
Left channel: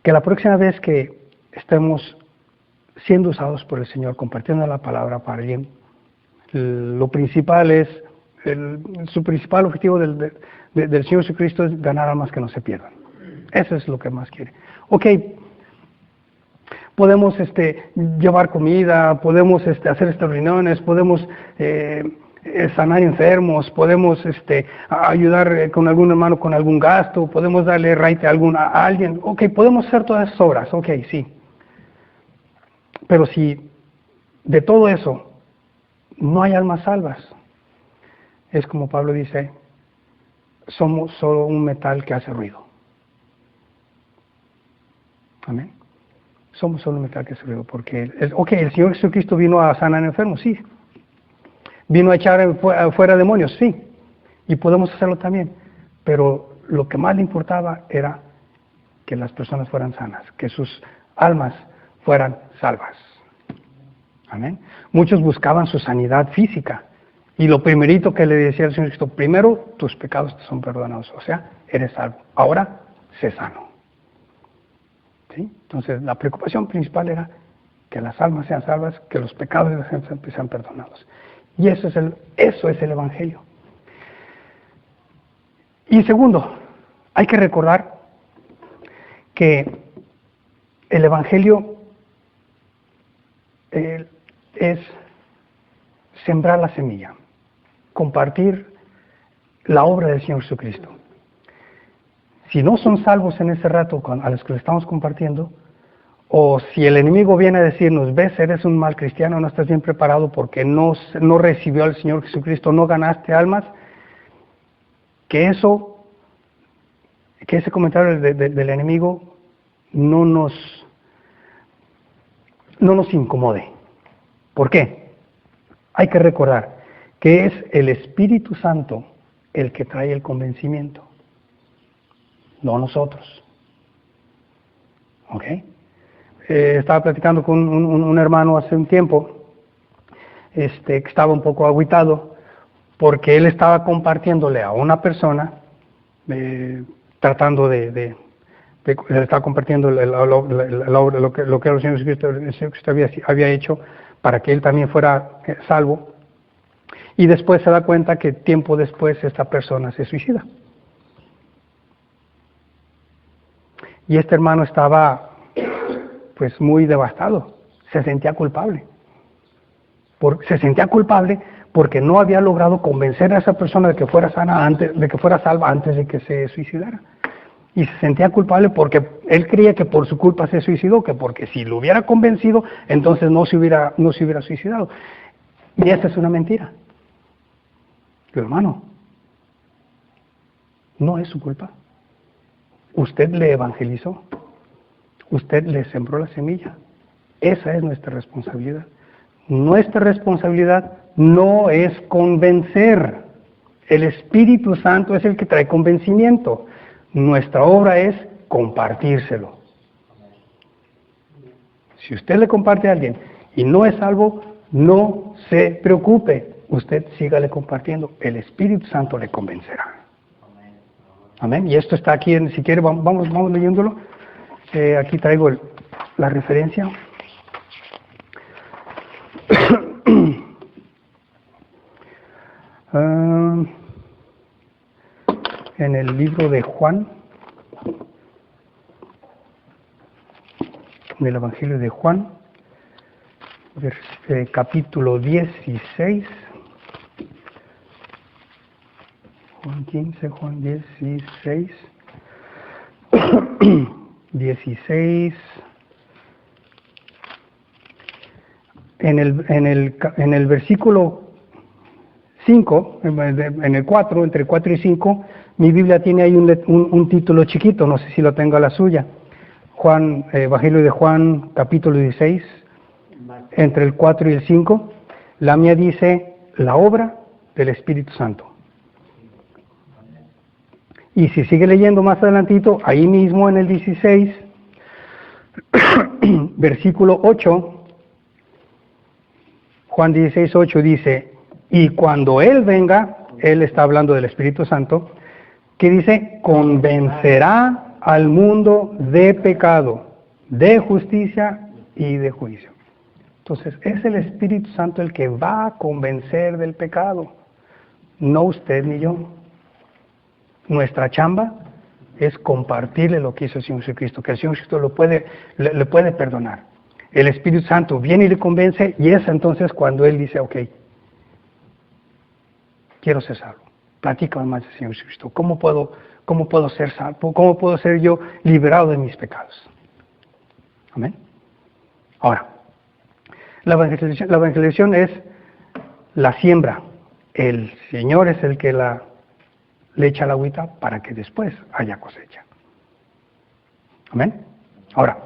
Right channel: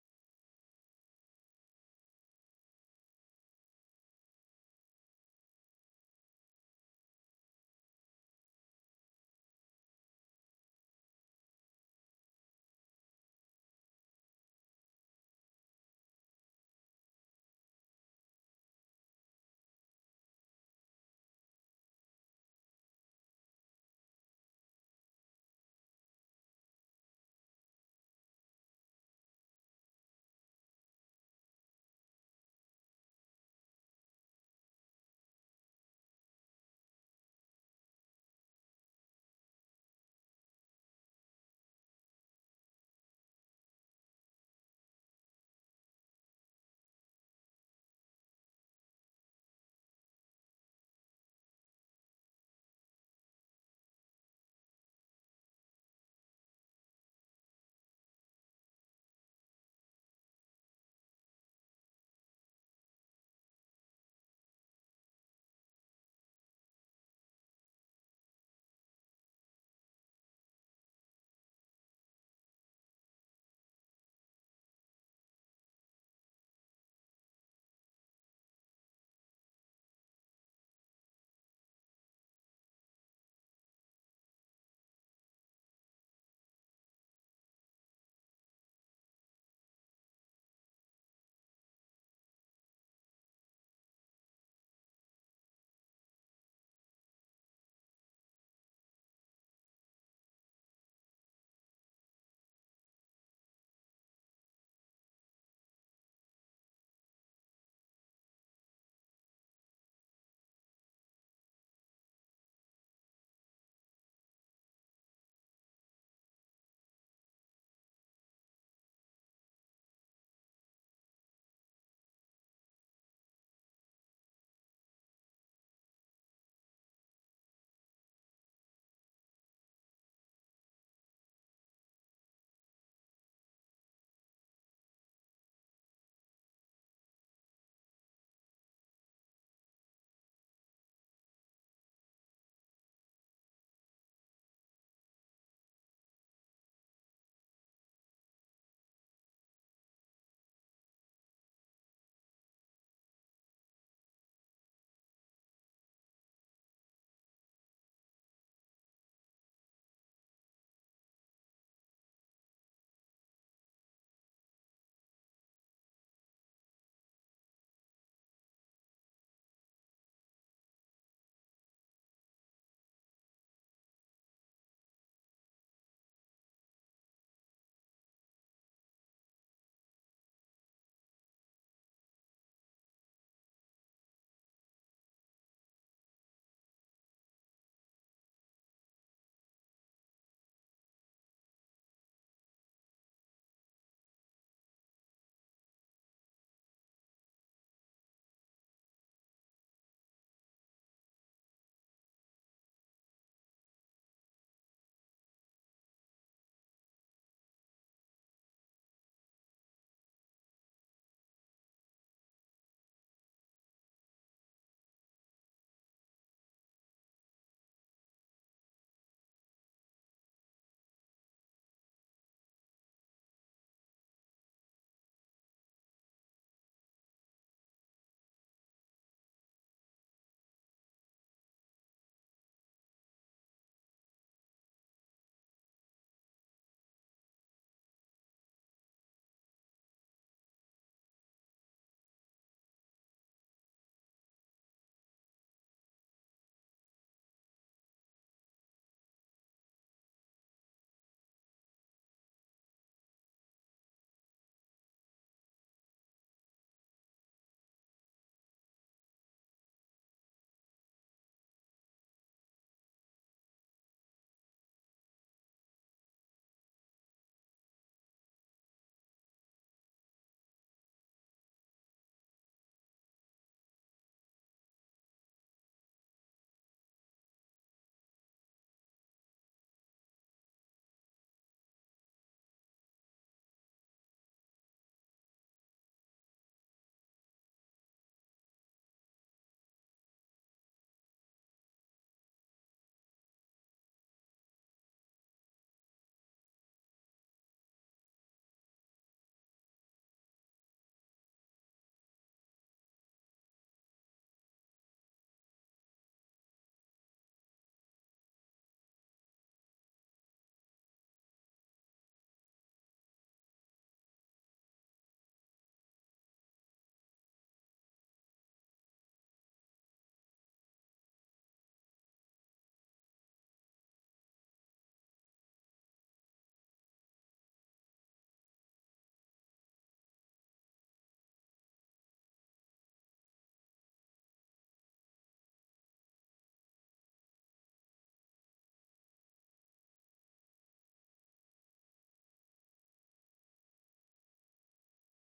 que la próxima vez que estemos siendo usados por el Señor, compartiendo la palabra para alguien, lo principal es, su principal objetivo del Señor Jesucristo es ganar almas que no se pierdan. Eso es lo que más quiere. Ok, podemos llevar comida, podemos hacer estas reuniones, podemos sanar enfermos, podemos ayudar con algún hermano con algún gasto, podemos darle raite a alguien. Ok, podemos hacer todas esas obras, ok, sí. Pero si de todo eso no hay almas salvas, es como Pablo dice, somos solo un metal que hace ruido. Amén. Somos solo un metal que hace ruido, porque el Señor Jesucristo vino a sanar enfermos, sí. Vino a echar fuera demonios, sí. Y podemos hacerlo también. Pero lo que más le importaba era que las personas fueran sanas, que sus almas fueran salvas. Amén. Muchos buscaban su sanidad física. Y lo primerito que le decía el Señor Cristo, primero tus pecados te son perdonados, o sea, eres salvo. Ahora, sé sano. ¿Sí? Entonces, la preocupación principal era que las almas sean salvas, que los pecados de la gente sean perdonados. Y eso es el Evangelio. Y segundo, hay que recordar que el Evangelio es sembrar la semilla, compartir la obra del Señor Jesucristo. Si no son salvos en ese rato a los que le estamos compartiendo, o si el enemigo viene a decirnos, ves, eres un mal cristiano, no estás bien preparado porque no recibió al Señor Jesucristo, no ganaste almas, que ese comentario del enemigo no nos incomode. ¿Por qué? Hay que recordar que es el Espíritu Santo el que trae el convencimiento, no nosotros. ¿Ok? Estaba platicando con un hermano hace un tiempo, que estaba un poco agüitado, porque él estaba compartiéndole a una persona, tratando le estaba compartiendo lo que el Señor Jesucristo había hecho para que él también fuera salvo, y después se da cuenta que tiempo después esta persona se suicida. Y este hermano estaba pues muy devastado, se sentía culpable. Se sentía culpable porque no había logrado convencer a esa persona de que fuera salva antes de que se suicidara. Y se sentía culpable porque él creía que por su culpa se suicidó, que porque si lo hubiera convencido, entonces no se hubiera suicidado. Y esa es una mentira. Pero hermano, no es su culpa. Usted le evangelizó. Usted le sembró la semilla. Esa es nuestra responsabilidad. Nuestra responsabilidad no es convencer. El Espíritu Santo es el que trae convencimiento. Nuestra obra es compartírselo. Si usted le comparte a alguien y no es salvo, no se preocupe. Usted sígale compartiendo. El Espíritu Santo le convencerá. Amén. Y esto está aquí, si quiere, vamos leyéndolo. Aquí traigo la referencia. En el libro de Juan, en el Evangelio de Juan, capítulo 16, Juan 15, Juan 16, 16, en el versículo 5, en el 4, entre 4 y 5, mi Biblia tiene ahí un título chiquito, no sé si lo tengo a la suya. Juan, Evangelio de Juan, capítulo 16, entre el 4 y el 5, la mía dice, la obra del Espíritu Santo. Y si sigue leyendo más adelantito, ahí mismo en el 16, versículo 8, Juan 16, 8 dice, y cuando Él venga, Él está hablando del Espíritu Santo, que dice, convencerá al mundo de pecado, de justicia y de juicio. Entonces, es el Espíritu Santo el que va a convencer del pecado, no usted ni yo. Nuestra chamba es compartirle lo que hizo el Señor Jesucristo, que el Señor Jesucristo le puede perdonar. El Espíritu Santo viene y le convence, y es entonces cuando Él dice, ok, quiero ser salvo. Platícame más del Señor Jesucristo. ¿Cómo puedo ser salvo? ¿Cómo puedo ser yo liberado de mis pecados? Amén. Ahora, la evangelización es la siembra. El Señor es el que le echa la agüita para que después haya cosecha. Amén. Ahora,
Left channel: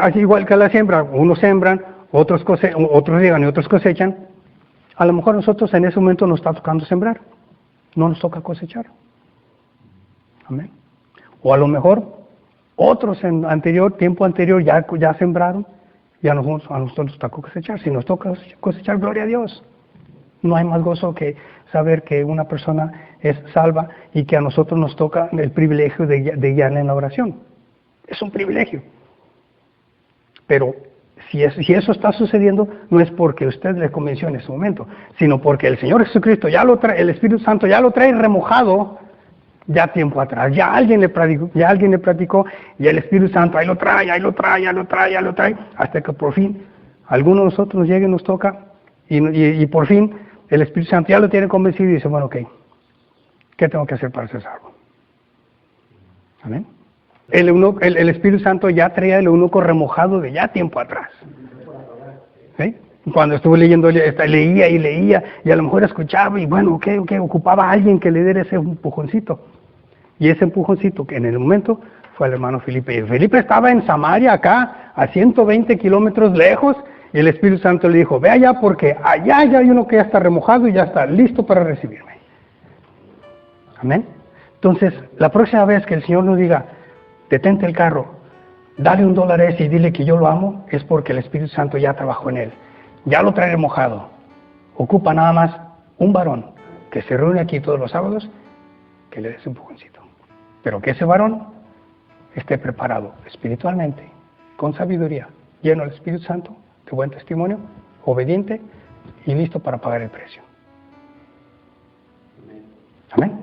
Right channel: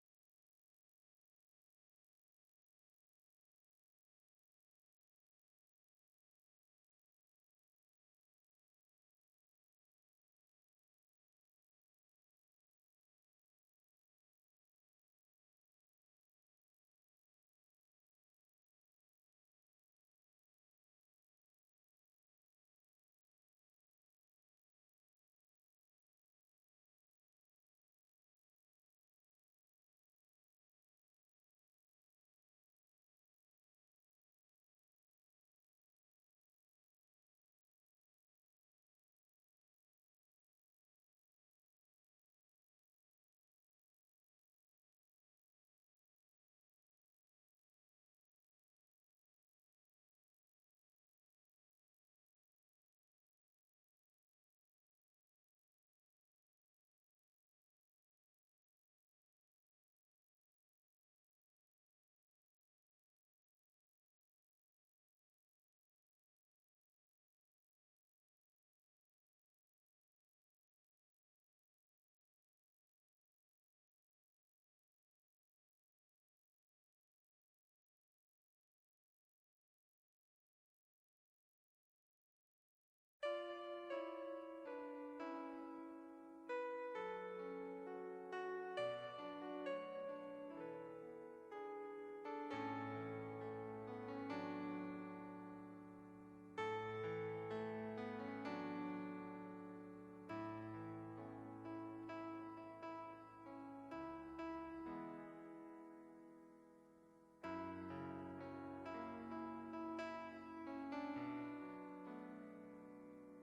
así igual que la siembra, unos sembran, otros riegan y otros cosechan. A lo mejor nosotros en ese momento nos está tocando sembrar, no nos toca cosechar. Amén. O a lo mejor otros en tiempo anterior ya sembraron y a nosotros nos tocó cosechar. Si nos toca cosechar, gloria a Dios. No hay más gozo que saber que una persona es salva y que a nosotros nos toca el privilegio de guiarle en la oración. Es un privilegio. Pero si eso está sucediendo, no es porque usted le convenció en ese momento, sino porque el Señor Jesucristo el Espíritu Santo ya lo trae remojado ya tiempo atrás. Ya alguien le platicó y el Espíritu Santo ahí lo trae, hasta que por fin alguno de nosotros nos llegue y nos toca y por fin el Espíritu Santo ya lo tiene convencido y dice, bueno, ok, ¿qué tengo que hacer para ser salvo? Amén. El Espíritu Santo ya traía el eunuco remojado de ya tiempo atrás. ¿Sí? Cuando estuve leyendo, leía y a lo mejor escuchaba y bueno, que ocupaba a alguien que le diera ese empujoncito. Y ese empujoncito que en el momento fue el hermano Felipe. Y Felipe estaba en Samaria, acá, a 120 kilómetros lejos, y el Espíritu Santo le dijo, ve allá porque allá ya hay uno que ya está remojado y ya está listo para recibirme. Amén. Entonces, la próxima vez que el Señor nos diga, detente el carro, dale $1 a ese y dile que yo lo amo, es porque el Espíritu Santo ya trabajó en él. Ya lo trae remojado. Ocupa nada más un varón que se reúne aquí todos los sábados, que le dé ese empujoncito. Pero que ese varón esté preparado espiritualmente, con sabiduría, lleno del Espíritu Santo, de buen testimonio, obediente y listo para pagar el precio. Amén.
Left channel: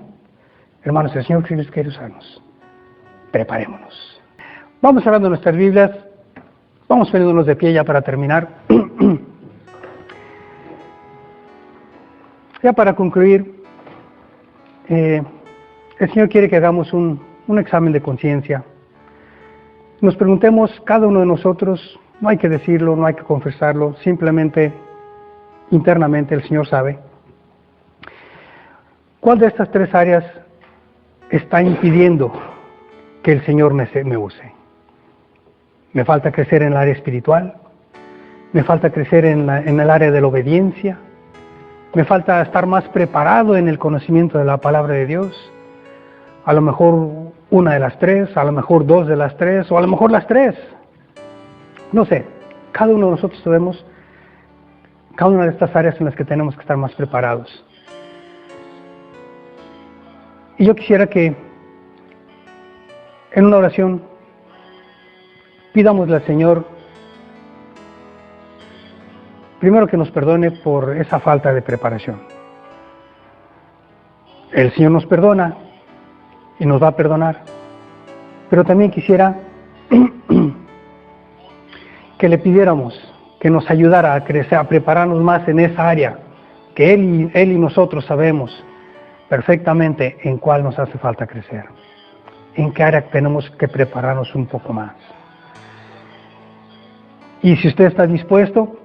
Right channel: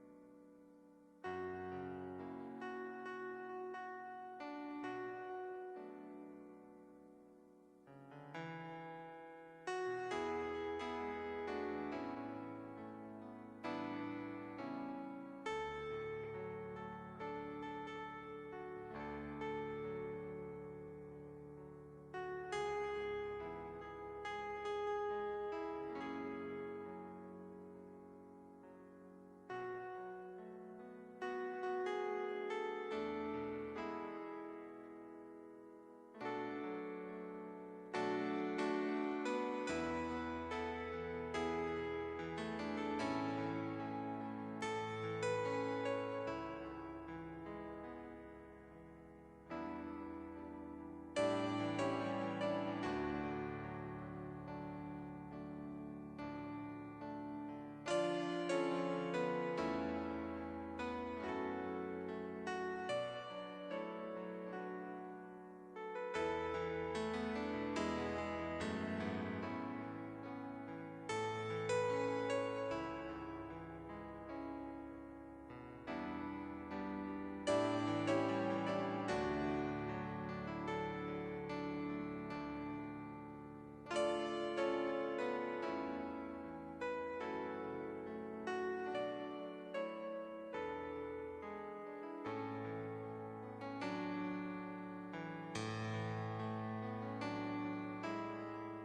Hermanos, el Señor quiere usarnos. Preparémonos. Vamos cerrando nuestras Biblias. Vamos poniéndonos de pie ya para terminar. Ya para concluir, el Señor quiere que hagamos un examen de conciencia. Nos preguntemos, cada uno de nosotros, no hay que decirlo, no hay que confesarlo, simplemente internamente el Señor sabe. ¿Cuál de estas tres áreas está impidiendo que el Señor me use? Me falta crecer en el área espiritual, me falta crecer en el área de la obediencia, me falta estar más preparado en el conocimiento de la palabra de Dios. A lo mejor una de las tres, a lo mejor dos de las tres, o a lo mejor las tres. No sé, cada uno de nosotros sabemos cada una de estas áreas en las que tenemos que estar más preparados. Y yo quisiera que en una oración pidámosle al Señor primero que nos perdone por esa falta de preparación. El Señor nos perdona y nos va a perdonar, pero también quisiera que le pidiéramos que nos ayudara a crecer, a prepararnos más en esa área que Él y nosotros sabemos perfectamente en cuál nos hace falta crecer, en qué área tenemos que prepararnos un poco más. Y si usted está dispuesto,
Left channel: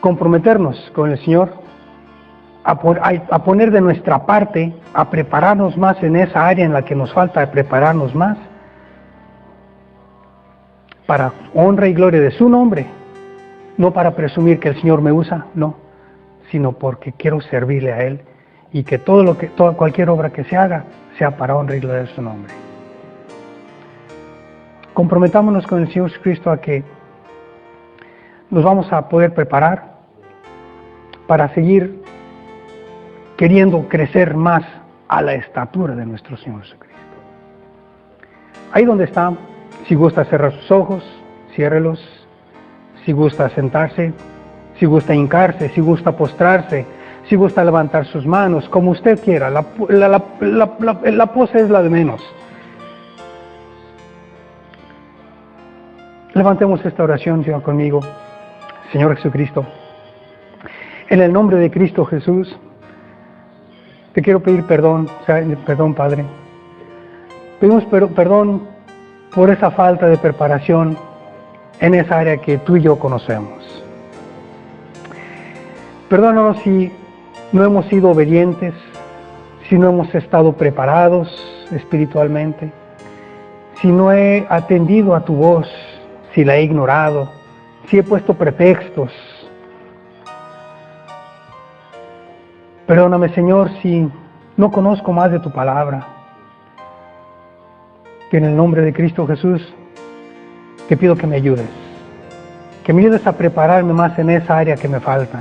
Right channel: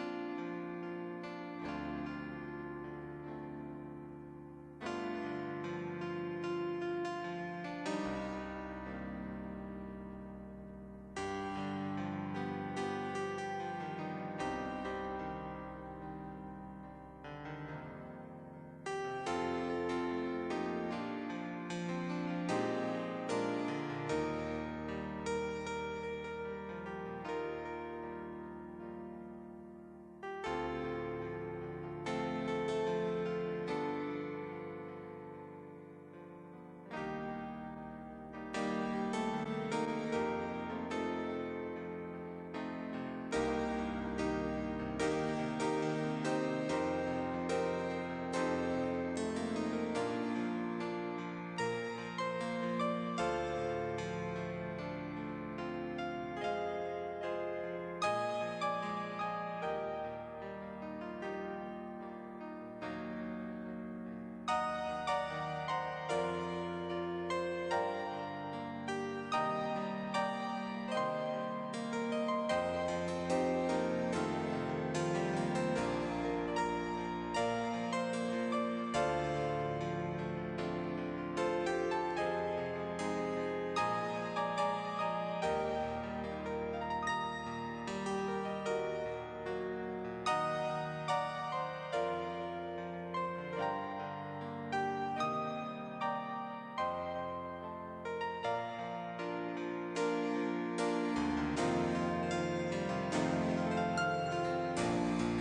comprometernos con el Señor, a poner de nuestra parte, a prepararnos más en esa área en la que nos falta prepararnos más, para honra y gloria de su nombre, no para presumir que el Señor me usa, no, sino porque quiero servirle a Él y que cualquier obra que se haga sea para honra y gloria de su nombre. Comprometámonos con el Señor Jesucristo a que nos vamos a poder preparar para seguir queriendo crecer más a la estatura de nuestro Señor Jesucristo. Ahí donde está, si gusta cerrar sus ojos, ciérrelos. Si gusta sentarse, si gusta hincarse, si gusta postrarse, si gusta levantar sus manos, como usted quiera. La pose es la de menos. Levantemos esta oración, Señor, conmigo. Señor Jesucristo, en el nombre de Cristo Jesús, te quiero pedir perdón, Padre. Pedimos perdón por esa falta de preparación en esa área que tú y yo conocemos. Perdónanos si no hemos sido obedientes, si no hemos estado preparados espiritualmente, si no he atendido a tu voz, si la he ignorado, si he puesto pretextos. Perdóname, Señor, si no conozco más de tu palabra. Que en el nombre de Cristo Jesús te pido que me ayudes a prepararme más en esa área que me falta,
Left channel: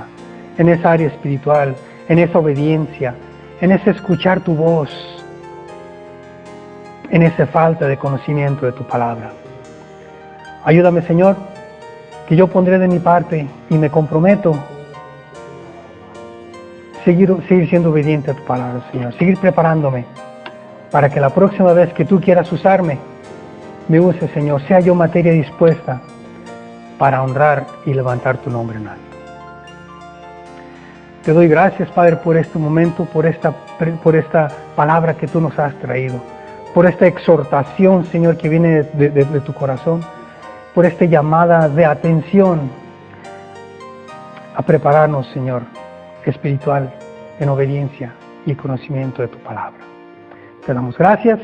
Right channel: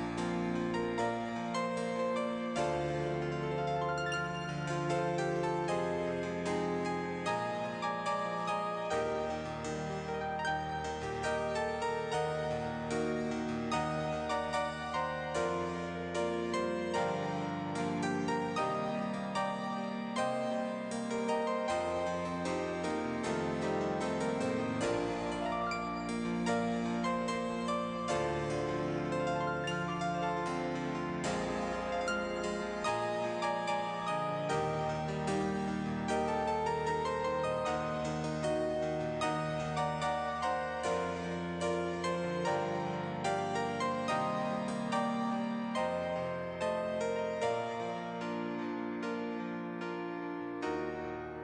en esa área espiritual, en esa obediencia, en ese escuchar tu voz, en esa falta de conocimiento de tu palabra. Ayúdame, Señor, que yo pondré de mi parte y me comprometo seguir siendo obediente a tu palabra, Señor, seguir preparándome para que la próxima vez que tú quieras usarme, me uses, Señor, sea yo materia dispuesta para honrar y levantar tu nombre en alto. Te doy gracias, Padre, por este momento, por esta palabra que tú nos has traído, por esta exhortación, Señor, que viene de tu corazón, por esta llamada de atención a prepararnos, Señor, espiritual, en obediencia y conocimiento de tu palabra. Te damos gracias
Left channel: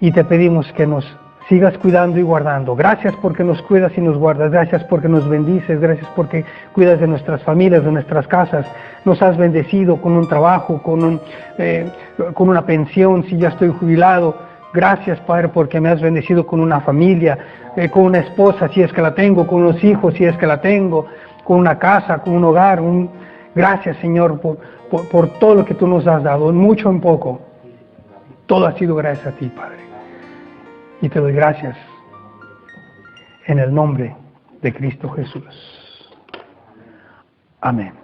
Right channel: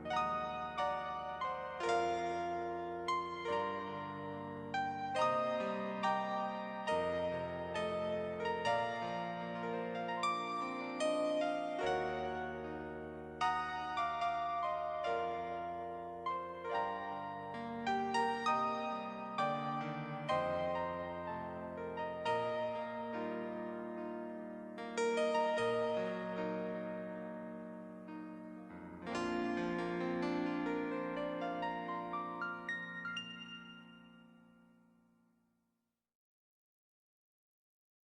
y te pedimos que nos sigas cuidando y guardando. Gracias porque nos cuidas y nos guardas. Gracias porque nos bendices. Gracias porque cuidas de nuestras familias, de nuestras casas. Nos has bendecido con un trabajo, con una pensión si ya estoy jubilado. Gracias, Padre, porque me has bendecido con una familia, con una esposa si es que la tengo, con unos hijos si es que la tengo, con una casa, con un hogar. Gracias, Señor, por todo lo que tú nos has dado, en mucho o en poco. Todo ha sido gracias a ti, Padre. Y te doy gracias en el nombre de Cristo Jesús. Amén.